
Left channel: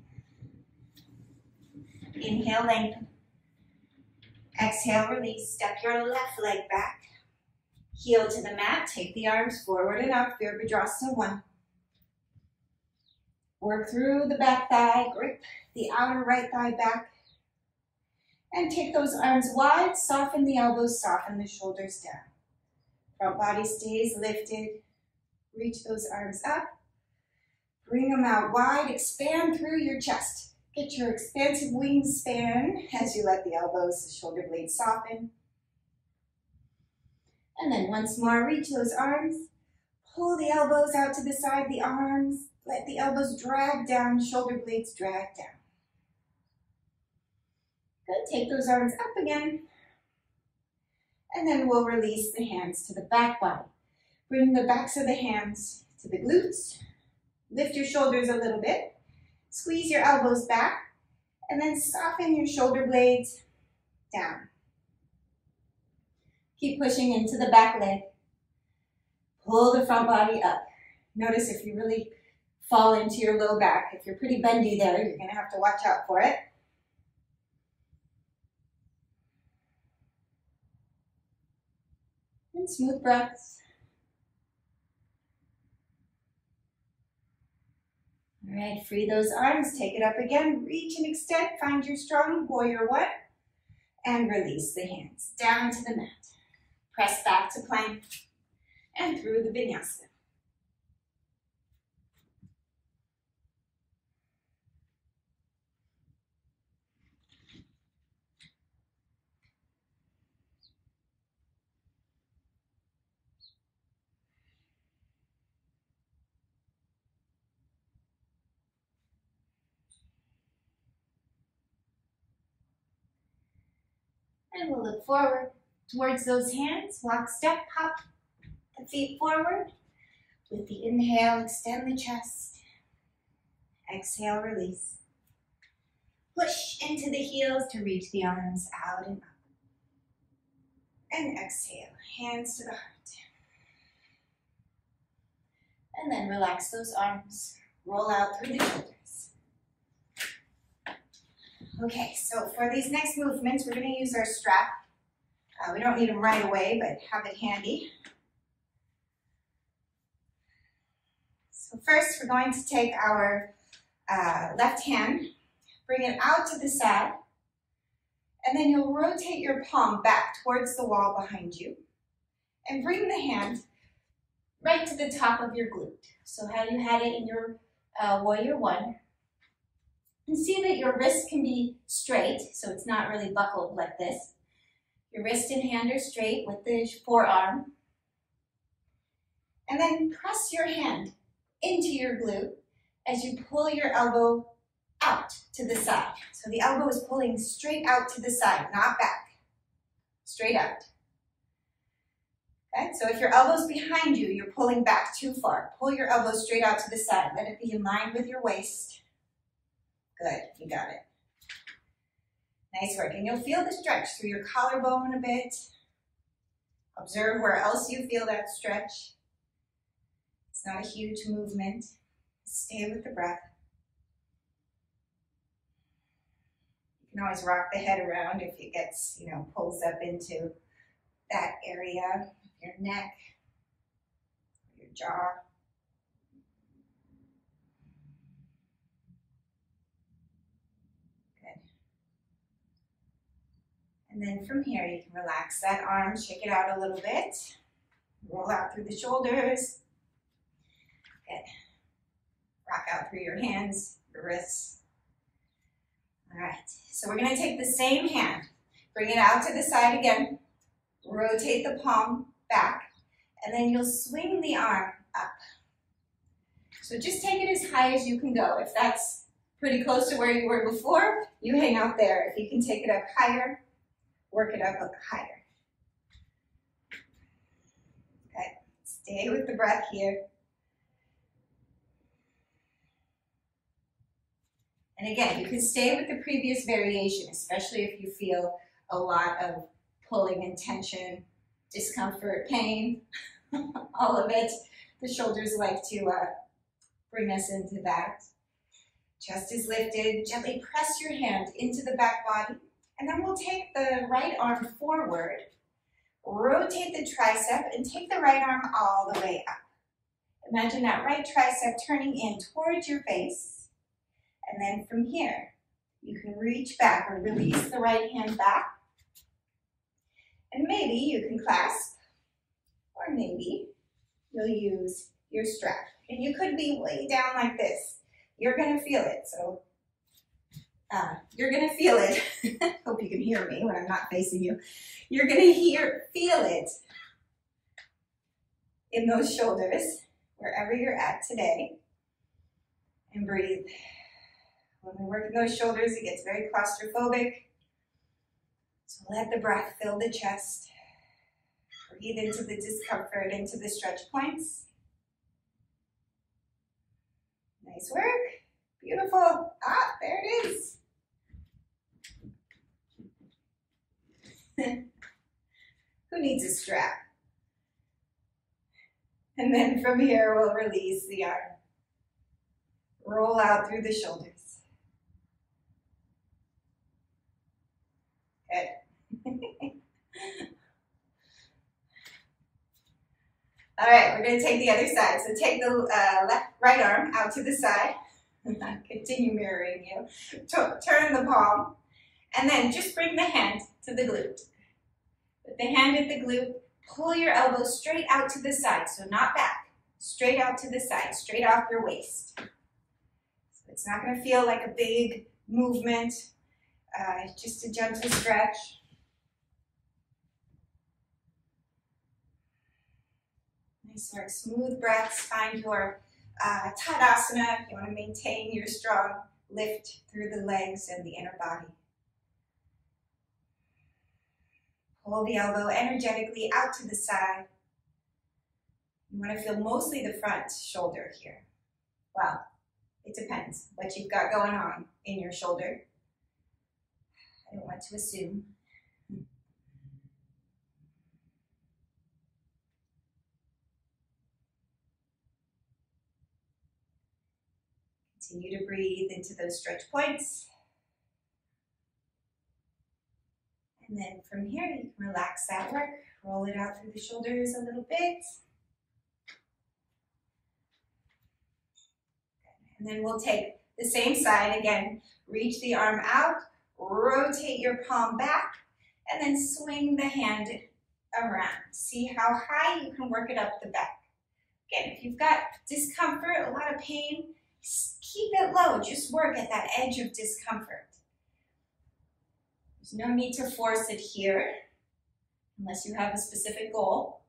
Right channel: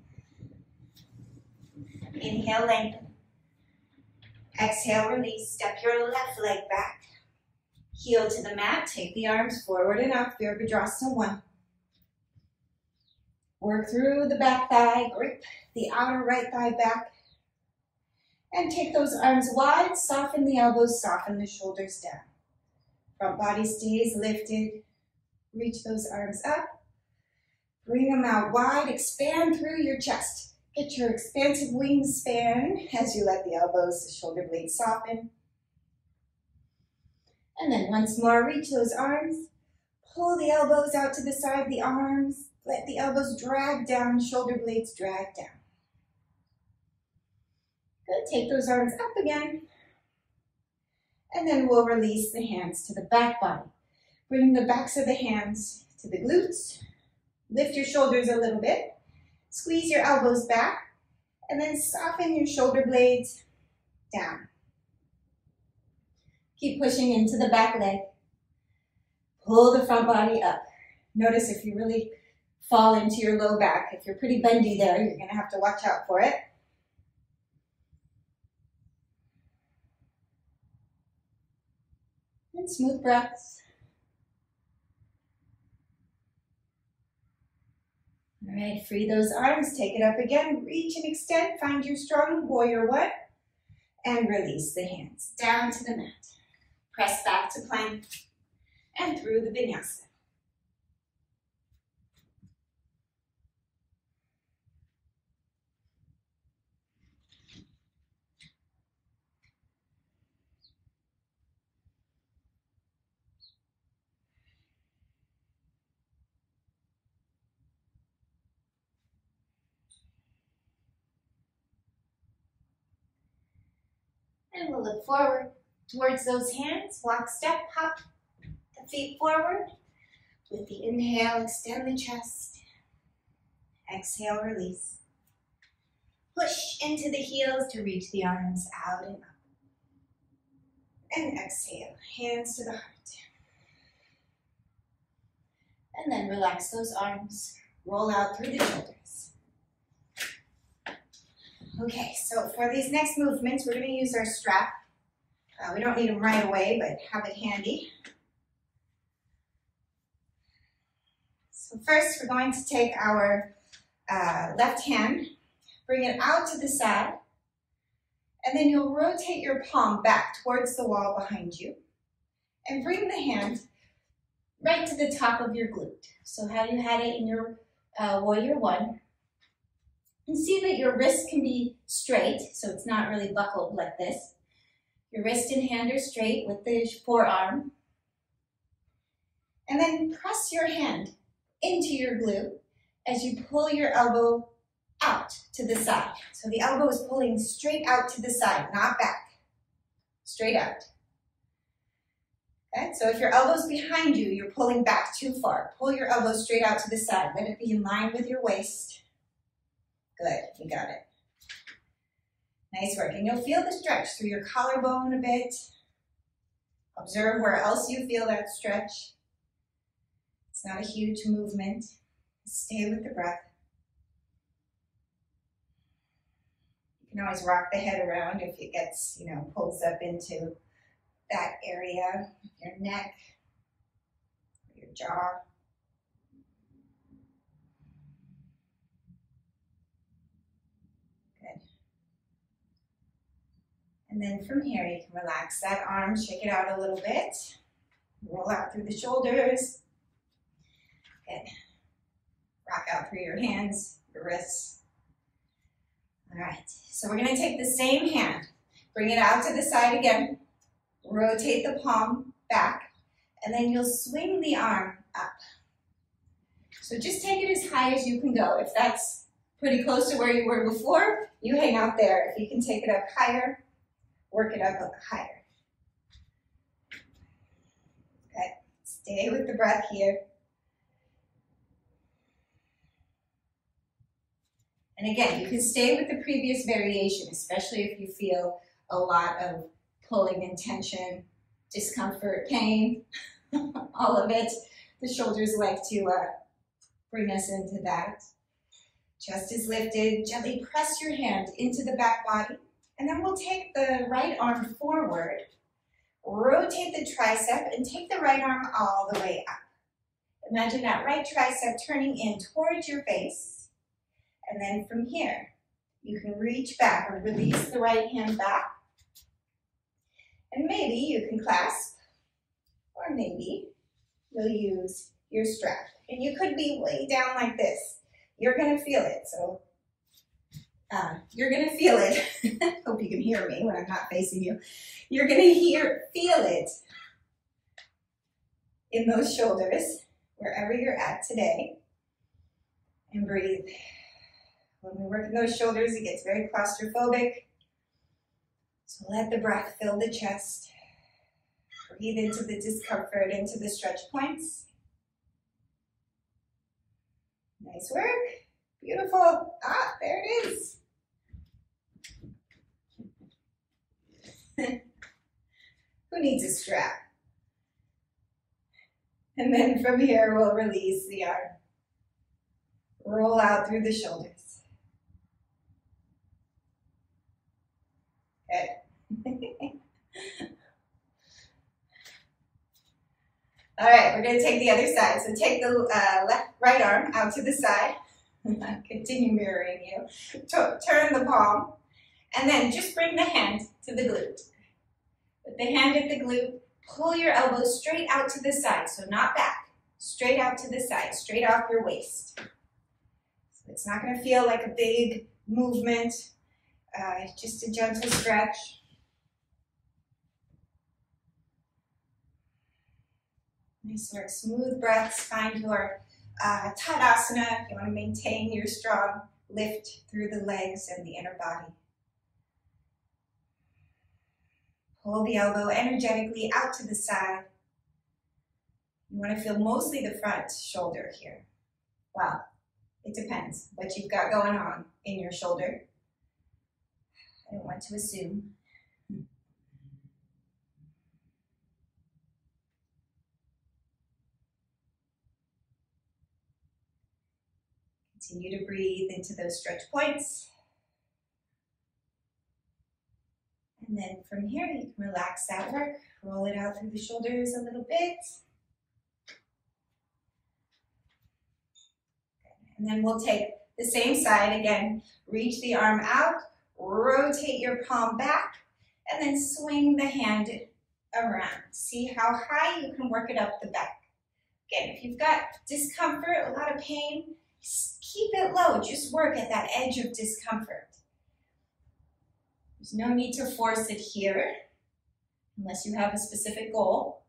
Inhale, lengthen. Exhale, release. Step your left leg back. Heel to the mat, take the arms forward and up, Virabhadrasana 1. Work through the back thigh, grip the outer right thigh back, and take those arms wide, soften the elbows, soften the shoulders down. Front body stays lifted, reach those arms up, bring them out wide, expand through your chest. Get your expansive wingspan as you let the elbows, the shoulder blades soften. And then once more, reach those arms, pull the elbows out to the side, the arms, let the elbows drag down, shoulder blades drag down. Good, take those arms up again. And then we'll release the hands to the back body. Bring the backs of the hands to the glutes. Lift your shoulders a little bit. Squeeze your elbows back. And then soften your shoulder blades down. Keep pushing into the back leg. Pull the front body up. Notice if you really fall into your low back. If you're pretty bendy there, you're going to have to watch out for it. And smooth breaths. All right, free those arms. Take it up again. Reach and extend. Find your strong warrior 1. And release the hands down to the mat. Press back to plank and through the vinyasa. And we'll look forward towards those hands. Walk, step, hop the feet forward. With the inhale, extend the chest. Exhale, release. Push into the heels to reach the arms out and up. And exhale, hands to the heart. And then relax those arms. Roll out through the shoulders. Okay, so for these next movements, we're going to use our strap. We don't need them right away, but have it handy. So first, we're going to take our left hand, bring it out to the side, and then you'll rotate your palm back towards the wall behind you, and bring the hand right to the top of your glute. So how you had it in your warrior one. And see that your wrist can be straight, so it's not really buckled like this. Your wrist and hand are straight with the forearm. And then press your hand into your glute as you pull your elbow out to the side. So the elbow is pulling straight out to the side, not back. Straight out. Okay, so if your elbow's behind you, you're pulling back too far. Pull your elbow straight out to the side. Let it be in line with your waist. Good, you got it. Nice work. And you'll feel the stretch through your collarbone a bit. Observe where else you feel that stretch. It's not a huge movement. Stay with the breath. You can always rock the head around if it gets, pulls up into that area, your neck, your jaw. Good. And then from here, you can relax that arm, shake it out a little bit, roll out through the shoulders. Good. Rock out through your hands, your wrists. All right, so we're gonna take the same hand, bring it out to the side again, rotate the palm back, and then you'll swing the arm up. So just take it as high as you can go. If that's pretty close to where you were before, you hang out there. If you can take it up higher, work it up higher. Okay, stay with the breath here. And again, you can stay with the previous variation, especially if you feel a lot of pulling and tension, discomfort, pain, all of it. The shoulders like to bring us into that. Chest is lifted. Gently press your hand into the back body. And then we'll take the right arm forward, rotate the tricep, and take the right arm all the way up. Imagine that right tricep turning in towards your face. And then from here, you can reach back or release the right hand back. And maybe you can clasp, or maybe you'll use your strap. And you could be way down like this. You're gonna feel it, so you're gonna feel it. Hope you can hear me when I'm not facing you. You're gonna feel it in those shoulders, wherever you're at today. And breathe. When we work in those shoulders, it gets very claustrophobic. So let the breath fill the chest. Breathe into the discomfort, into the stretch points. Nice work. Beautiful. Ah, there it is. Who needs a strap? And then from here, we'll release the arm. Roll out through the shoulders. Good. All right, we're going to take the other side. So take the right arm out to the side. Continue mirroring you. Turn the palm. And then just bring the hand to the glute. Put the hand at the glute. Pull your elbows straight out to the side. So not back. Straight out to the side. Straight off your waist. So it's not going to feel like a big movement. Just a gentle stretch. Nice work. Smooth breaths. Find your Tadasana. You want to maintain your strong lift through the legs and the inner body. Pull the elbow energetically out to the side. You want to feel mostly the front shoulder here. Well, it depends what you've got going on in your shoulder. I don't want to assume. Continue to breathe into those stretch points. And then from here, you can relax that work. Roll it out through the shoulders a little bit. And then we'll take the same side again. Reach the arm out, rotate your palm back, and then swing the hand around. See how high you can work it up the back. Again, if you've got discomfort, a lot of pain, keep it low. Just work at that edge of discomfort. There's no need to force it here, unless you have a specific goal.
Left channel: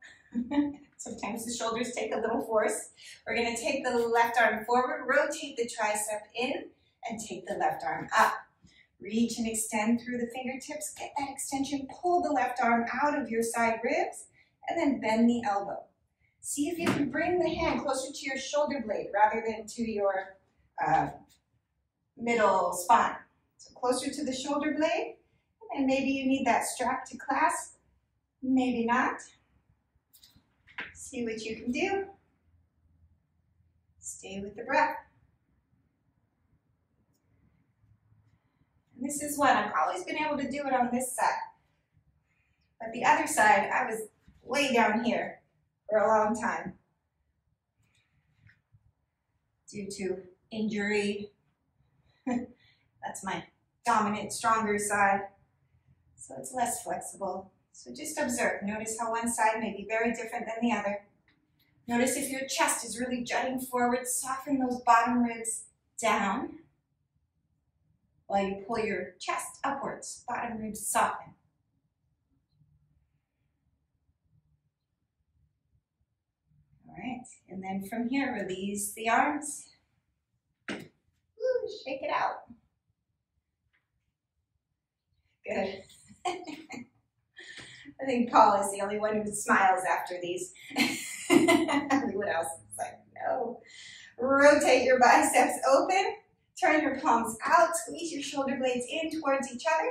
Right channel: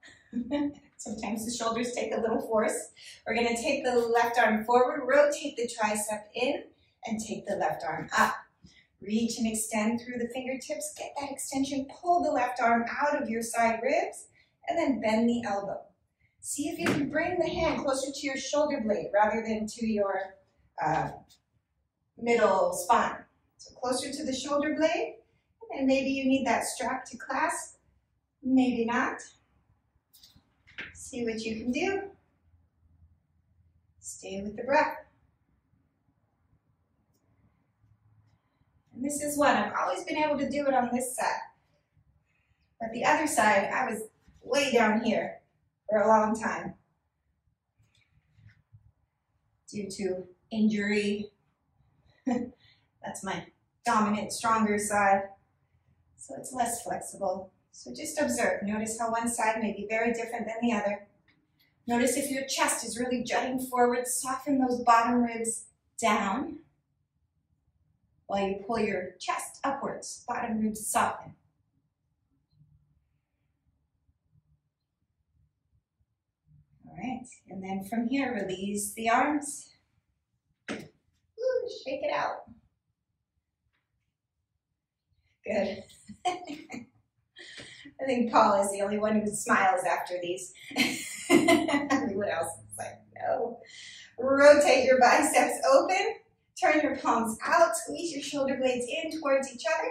Sometimes the shoulders take a little force. We're going to take the left arm forward, rotate the tricep in, and take the left arm up. Reach and extend through the fingertips. Get that extension. Pull the left arm out of your side ribs, and then bend the elbow. See if you can bring the hand closer to your shoulder blade rather than to your middle spine. So closer to the shoulder blade, and maybe you need that strap to clasp, maybe not. See what you can do. Stay with the breath. And this is one, I've always been able to do it on this side. But the other side, I was way down here for a long time due to injury. That's my dominant, stronger side. So it's less flexible. So just observe. Notice how one side may be very different than the other. Notice if your chest is really jutting forward, soften those bottom ribs down while you pull your chest upwards. Bottom ribs soften. All right, and then from here, release the arms. Woo, shake it out. Good. I think Paul is the only one who smiles after these. Everyone else is like, no. Rotate your biceps open. Turn your palms out. Squeeze your shoulder blades in towards each other.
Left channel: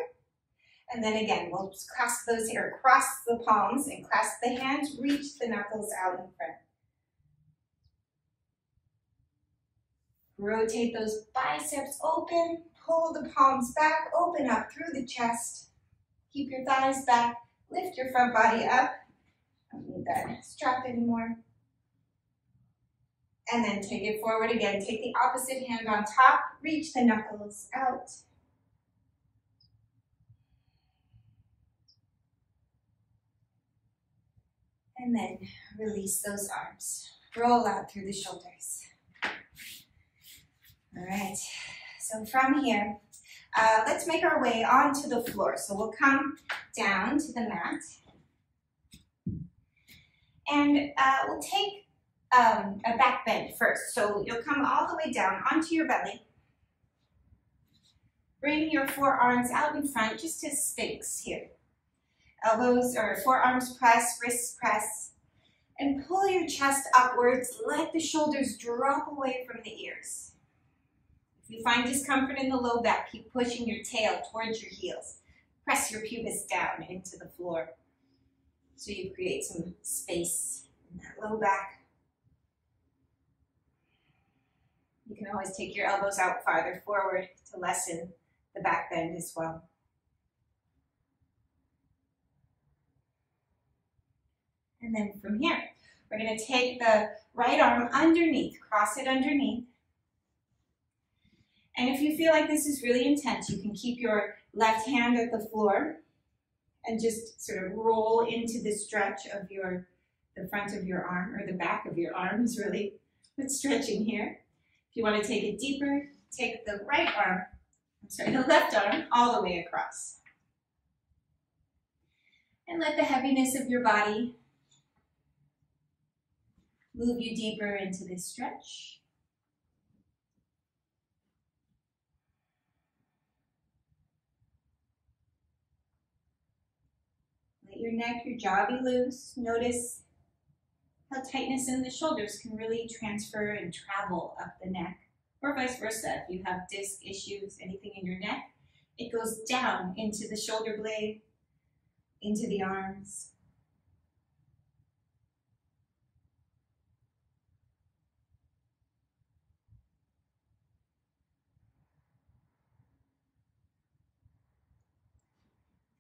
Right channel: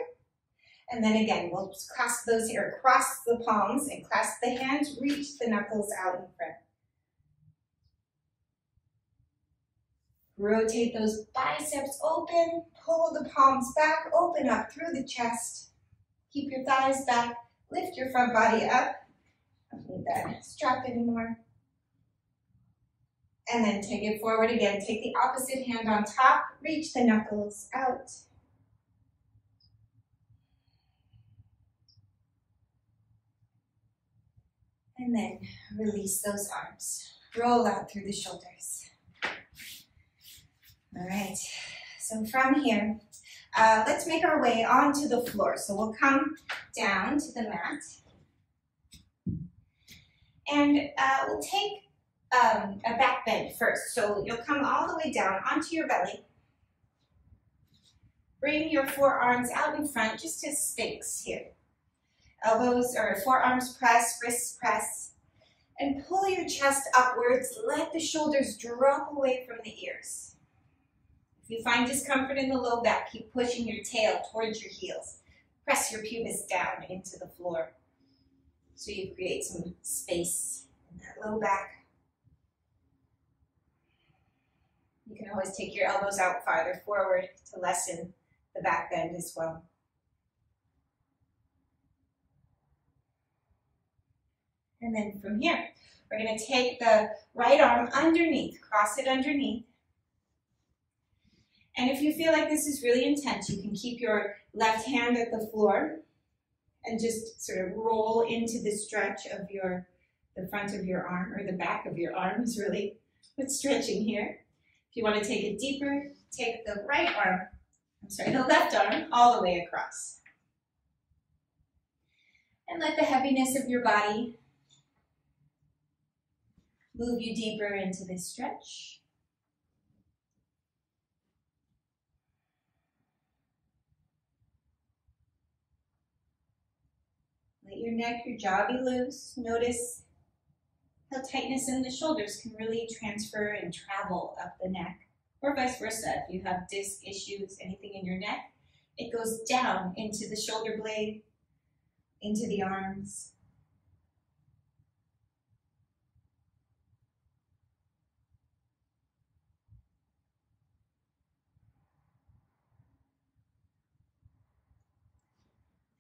And then again, we'll just cross those here. Cross the palms and clasp the hands. Reach the knuckles out in front. Rotate those biceps open. Pull the palms back. Open up through the chest. Keep your thighs back. Lift your front body up. Don't need that strap anymore. And then take it forward again. Take the opposite hand on top. Reach the knuckles out. And then release those arms. Roll out through the shoulders. All right. So from here, let's make our way onto the floor. So we'll come down to the mat. And we'll take a back bend first. So you'll come all the way down onto your belly. Bring your forearms out in front, just to Sphinx here. Elbows or forearms press, wrists press. And pull your chest upwards. Let the shoulders drop away from the ears. If you find discomfort in the low back, keep pushing your tail towards your heels. Press your pubis down into the floor so you create some space in that low back. You can always take your elbows out farther forward to lessen the back bend as well. And then from here, we're going to take the right arm underneath, cross it underneath. And if you feel like this is really intense, you can keep your left hand at the floor and just sort of roll into the stretch of the front of your arm, or the back of your arm is really what's stretching here. If you want to take it deeper, take the left arm all the way across. And let the heaviness of your body move you deeper into this stretch. your neck, your jaw be loose. Notice how tightness in the shoulders can really transfer and travel up the neck, or vice versa. If you have disc issues, anything in your neck, it goes down into the shoulder blade, into the arms.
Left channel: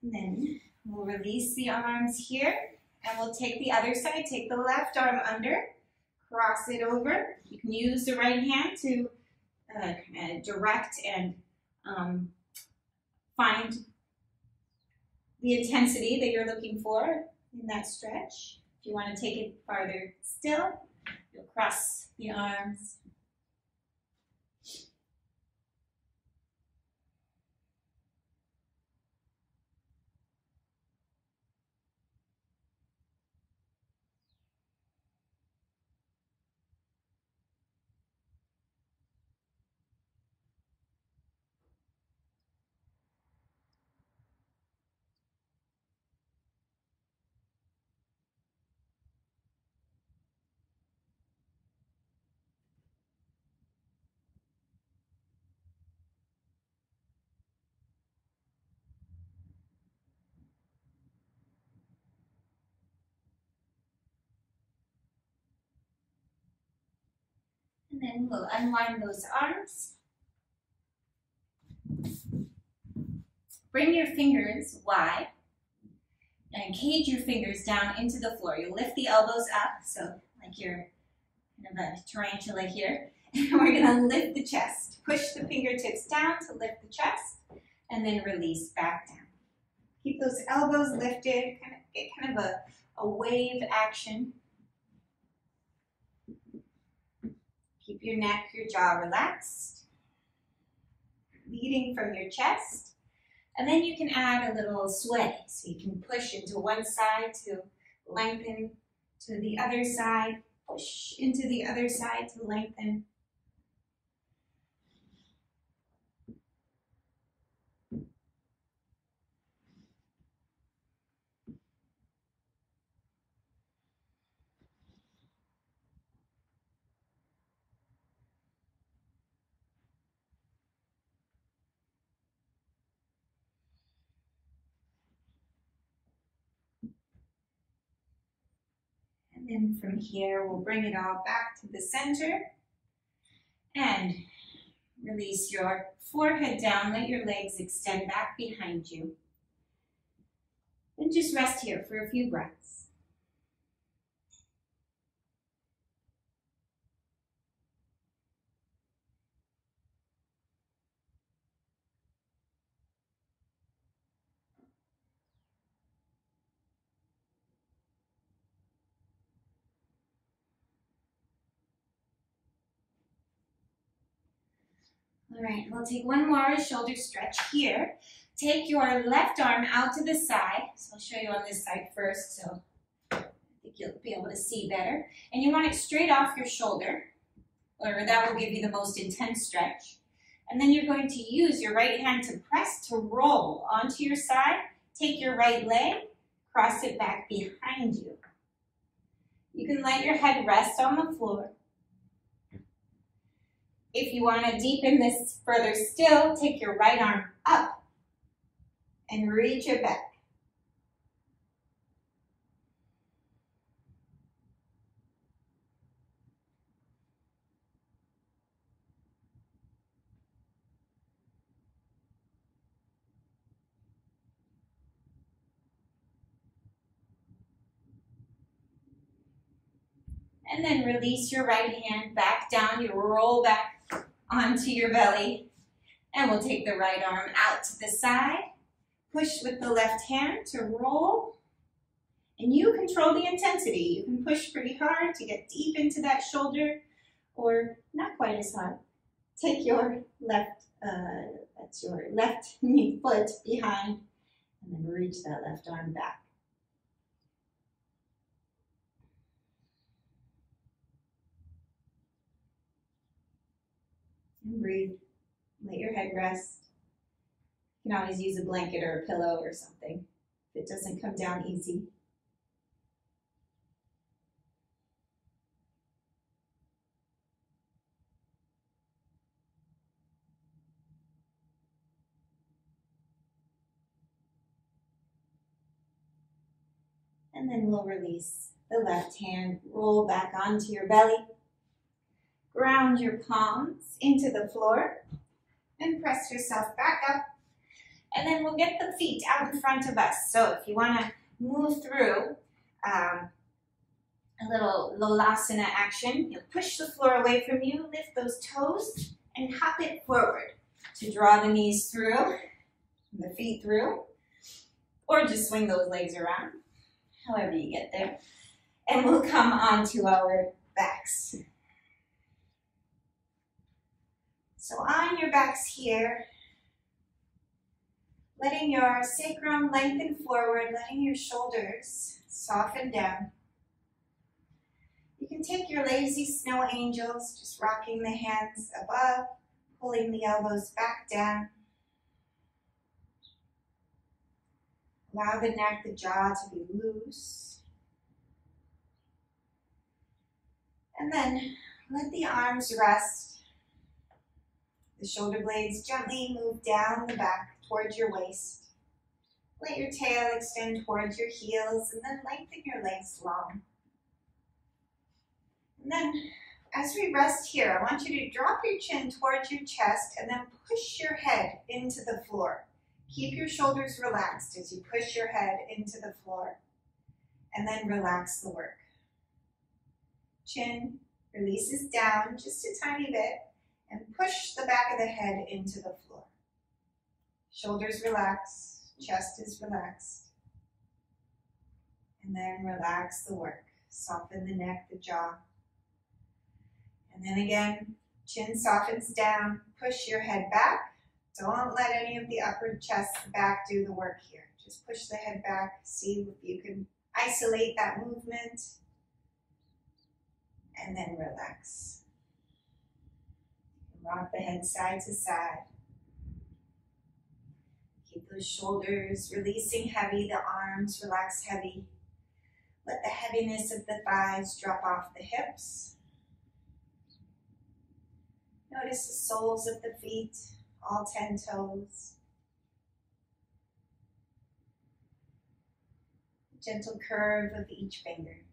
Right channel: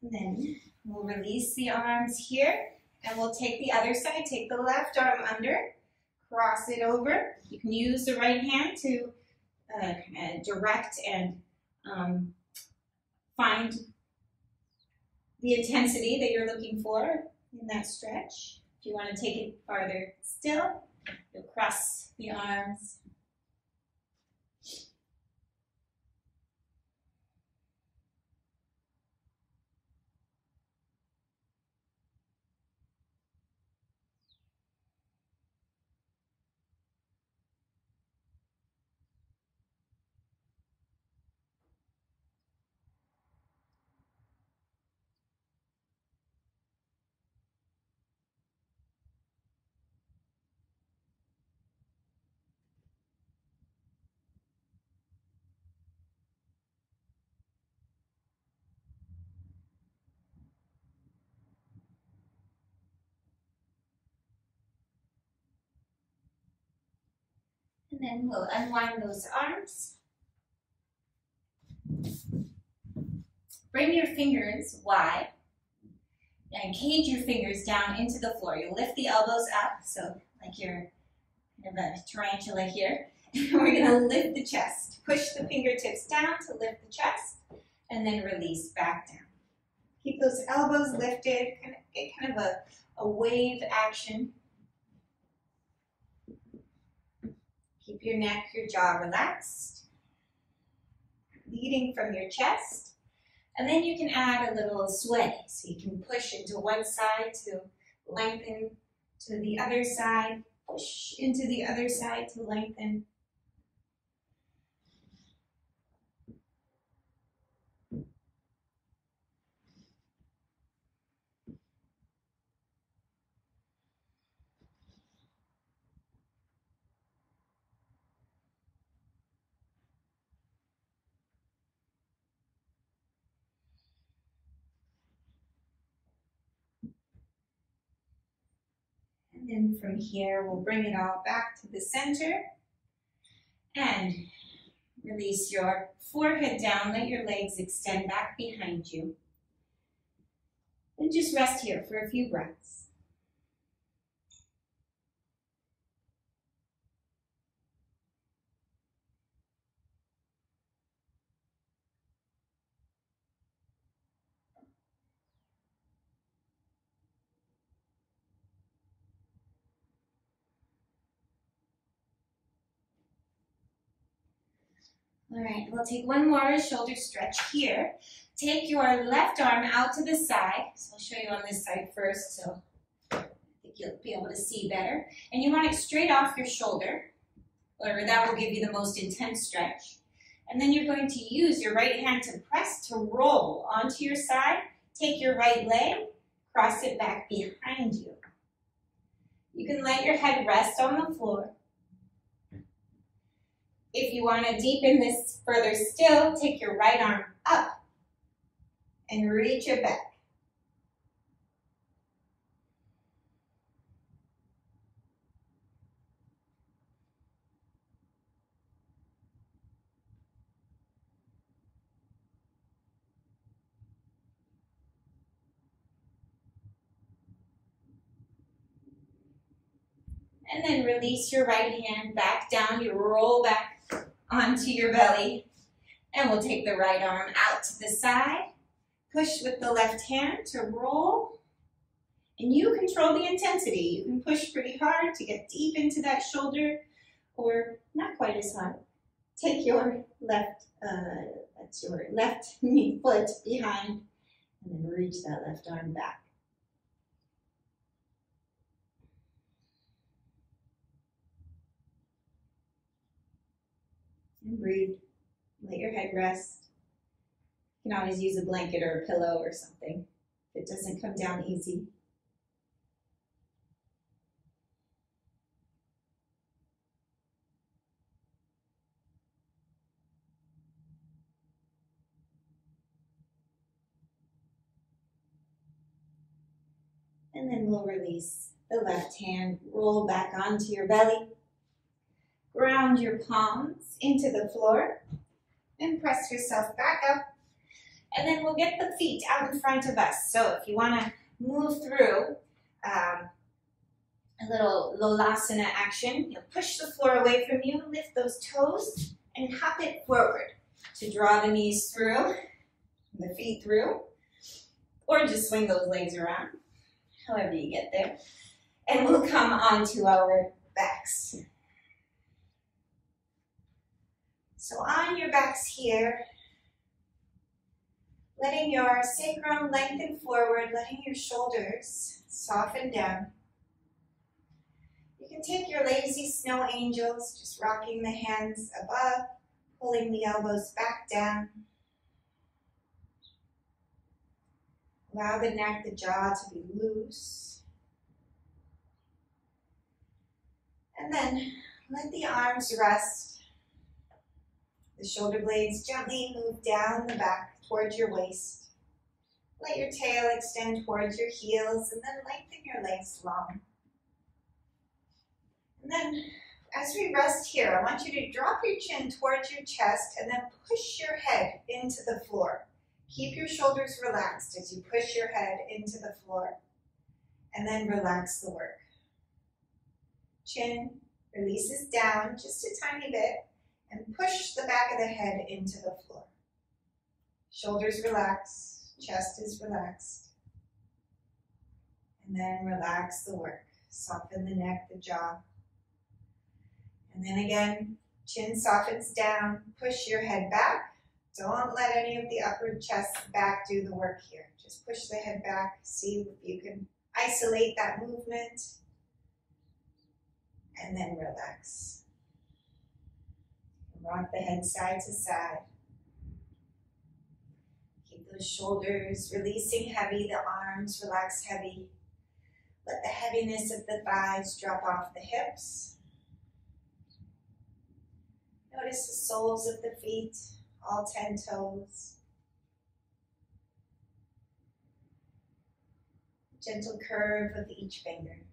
And then we'll release the arms here, and we'll take the other side, take the left arm under, cross it over. You can use the right hand to direct and find the intensity that you're looking for in that stretch. If you want to take it farther still, you'll cross the arms. And then we'll unwind those arms. Bring your fingers wide and cage your fingers down into the floor. You lift the elbows up, so like you're kind of a tarantula here. And we're gonna lift the chest. Push the fingertips down to lift the chest, and then release back down. Keep those elbows lifted, get kind of a wave action. Keep your neck, your jaw relaxed, leading from your chest. And then you can add a little sway. So you can push into one side to lengthen to the other side, push into the other side to lengthen. And then from here, we'll bring it all back to the center and release your forehead down. Let your legs extend back behind you. And just rest here for a few breaths. All right, we'll take one more shoulder stretch here. Take your left arm out to the side. So I'll show you on this side first, so I think you'll be able to see better. And you want it straight off your shoulder, or that will give you the most intense stretch. And then you're going to use your right hand to press to roll onto your side. Take your right leg, cross it back behind you. You can let your head rest on the floor. If you want to deepen this further still, take your right arm up and reach it back. And then release your right hand back down. You roll back onto your belly. And we'll take the right arm out to the side. Push with the left hand to roll. And you control the intensity. You can push pretty hard to get deep into that shoulder, or not quite as hard. Take your left, that's your left knee foot behind, and then reach that left arm back. And breathe. Let your head rest. You can always use a blanket or a pillow or something if it doesn't come down easy. And then we'll release the left hand, roll back onto your belly, ground your palms into the floor, and press yourself back up. And then we'll get the feet out in front of us. So if you want to move through a little Lolasana action, you'll push the floor away from you, lift those toes, and hop it forward to draw the knees through, the feet through, or just swing those legs around, however you get there. And we'll come onto our backs. So on your backs here, letting your sacrum lengthen forward, letting your shoulders soften down. You can take your lazy snow angels, just rocking the hands above, pulling the elbows back down. Allow the neck, the jaw to be loose. And then let the arms rest. The shoulder blades gently move down the back towards your waist. Let your tail extend towards your heels and then lengthen your legs long. And then as we rest here, I want you to drop your chin towards your chest and then push your head into the floor. Keep your shoulders relaxed as you push your head into the floor. And then relax the work. Chin releases down just a tiny bit and push the back of the head into the floor. Shoulders relax, chest is relaxed. And then relax the work. Soften the neck, the jaw. And then again, chin softens down, push your head back. Don't let any of the upper chest back do the work here. Just push the head back, see if you can isolate that movement. And then relax. Rock the head side to side. Keep those shoulders releasing heavy, the arms relax heavy. Let the heaviness of the thighs drop off the hips. Notice the soles of the feet, all 10 toes. Gentle curve of each finger.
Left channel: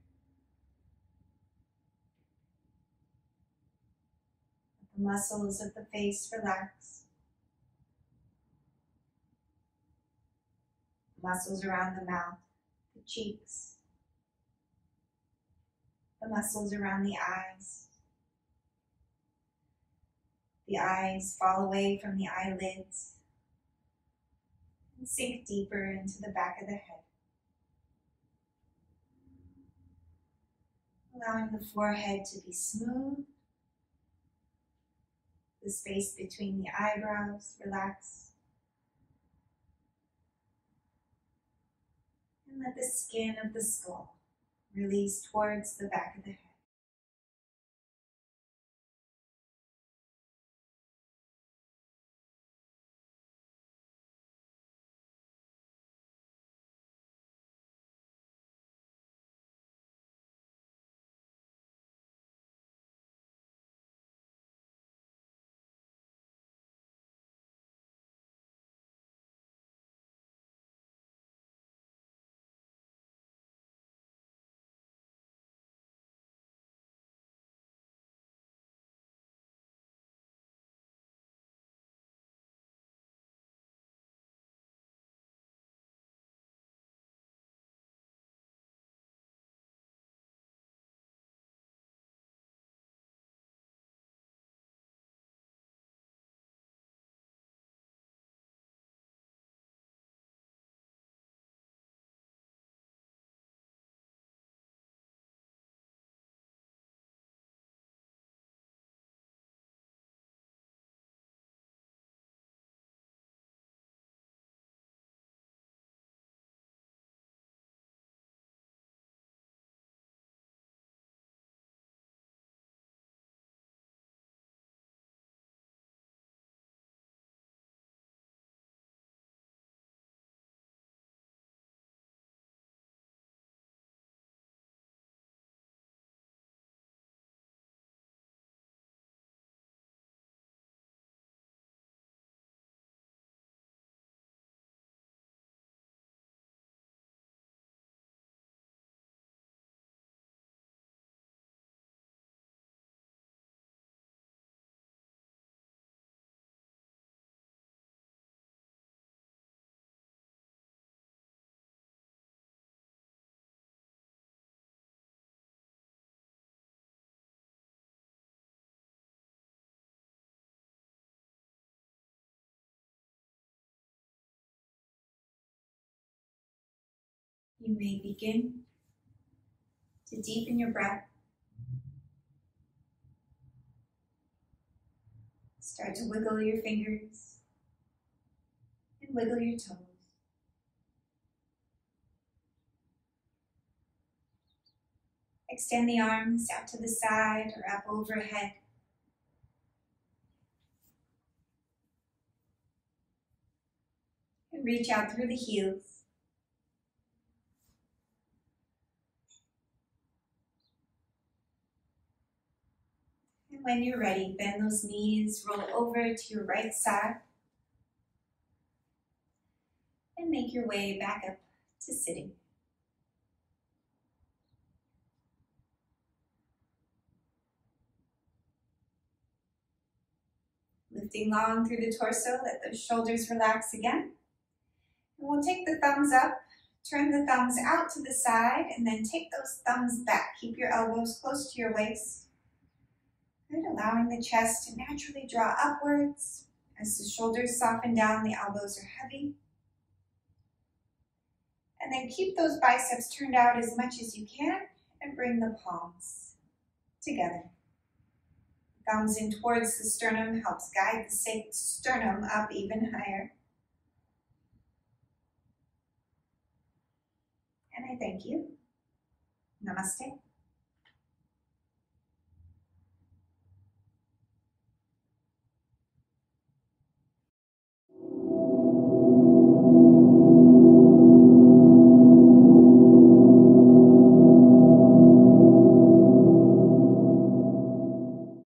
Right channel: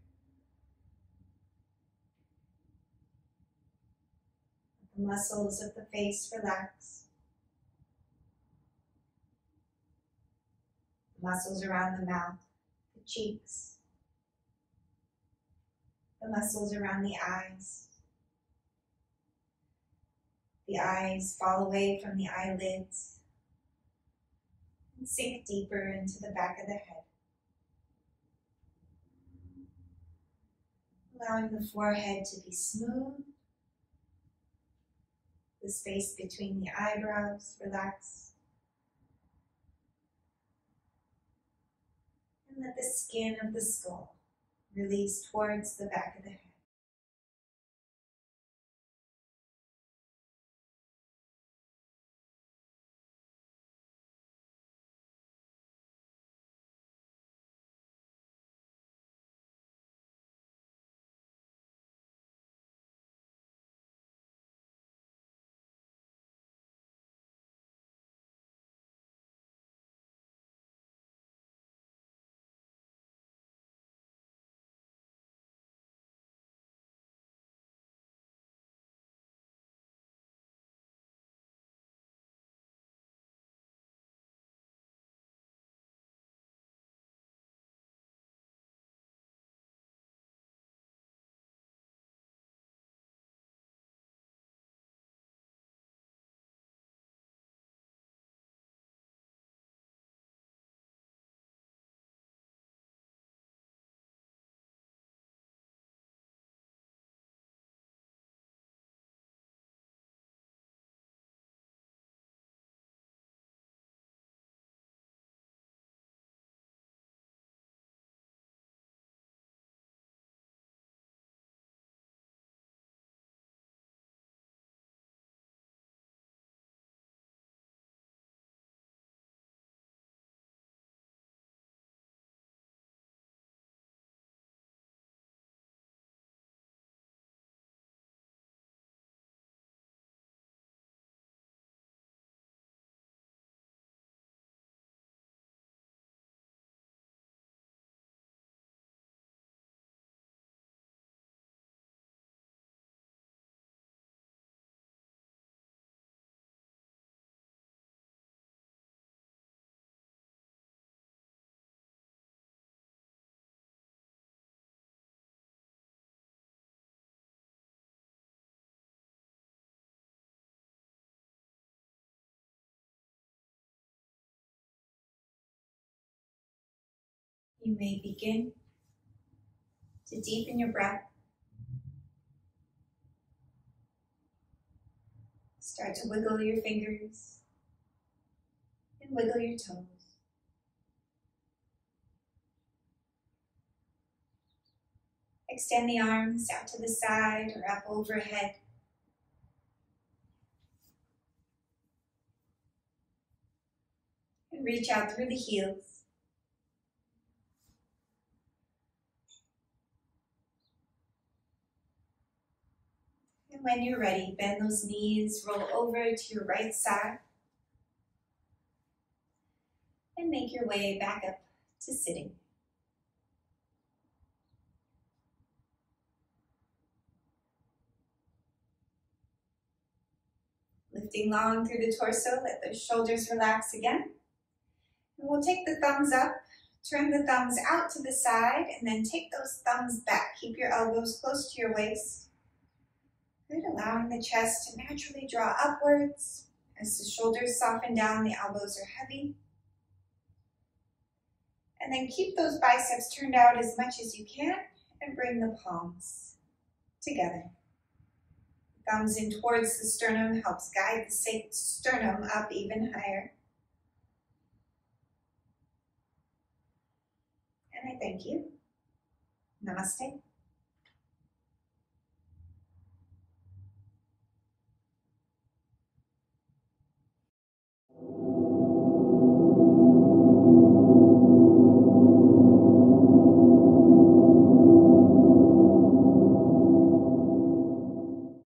The muscles of the face relax. Muscles around the mouth, the cheeks. The muscles around the eyes. The eyes fall away from the eyelids and sink deeper into the back of the head. Allowing the forehead to be smooth. The space between the eyebrows relax. And let the skin of the skull release towards the back of the head. You may begin to deepen your breath. Start to wiggle your fingers and wiggle your toes. Extend the arms out to the side or up overhead. And reach out through the heels. And when you're ready, bend those knees, roll over to your right side, and make your way back up to sitting. Lifting long through the torso, let those shoulders relax again. And we'll take the thumbs up, turn the thumbs out to the side, and then take those thumbs back. Keep your elbows close to your waist. Good, allowing the chest to naturally draw upwards. As the shoulders soften down, the elbows are heavy. And then keep those biceps turned out as much as you can and bring the palms together. Thumbs in towards the sternum helps guide the sternum up even higher. And I thank you. Namaste.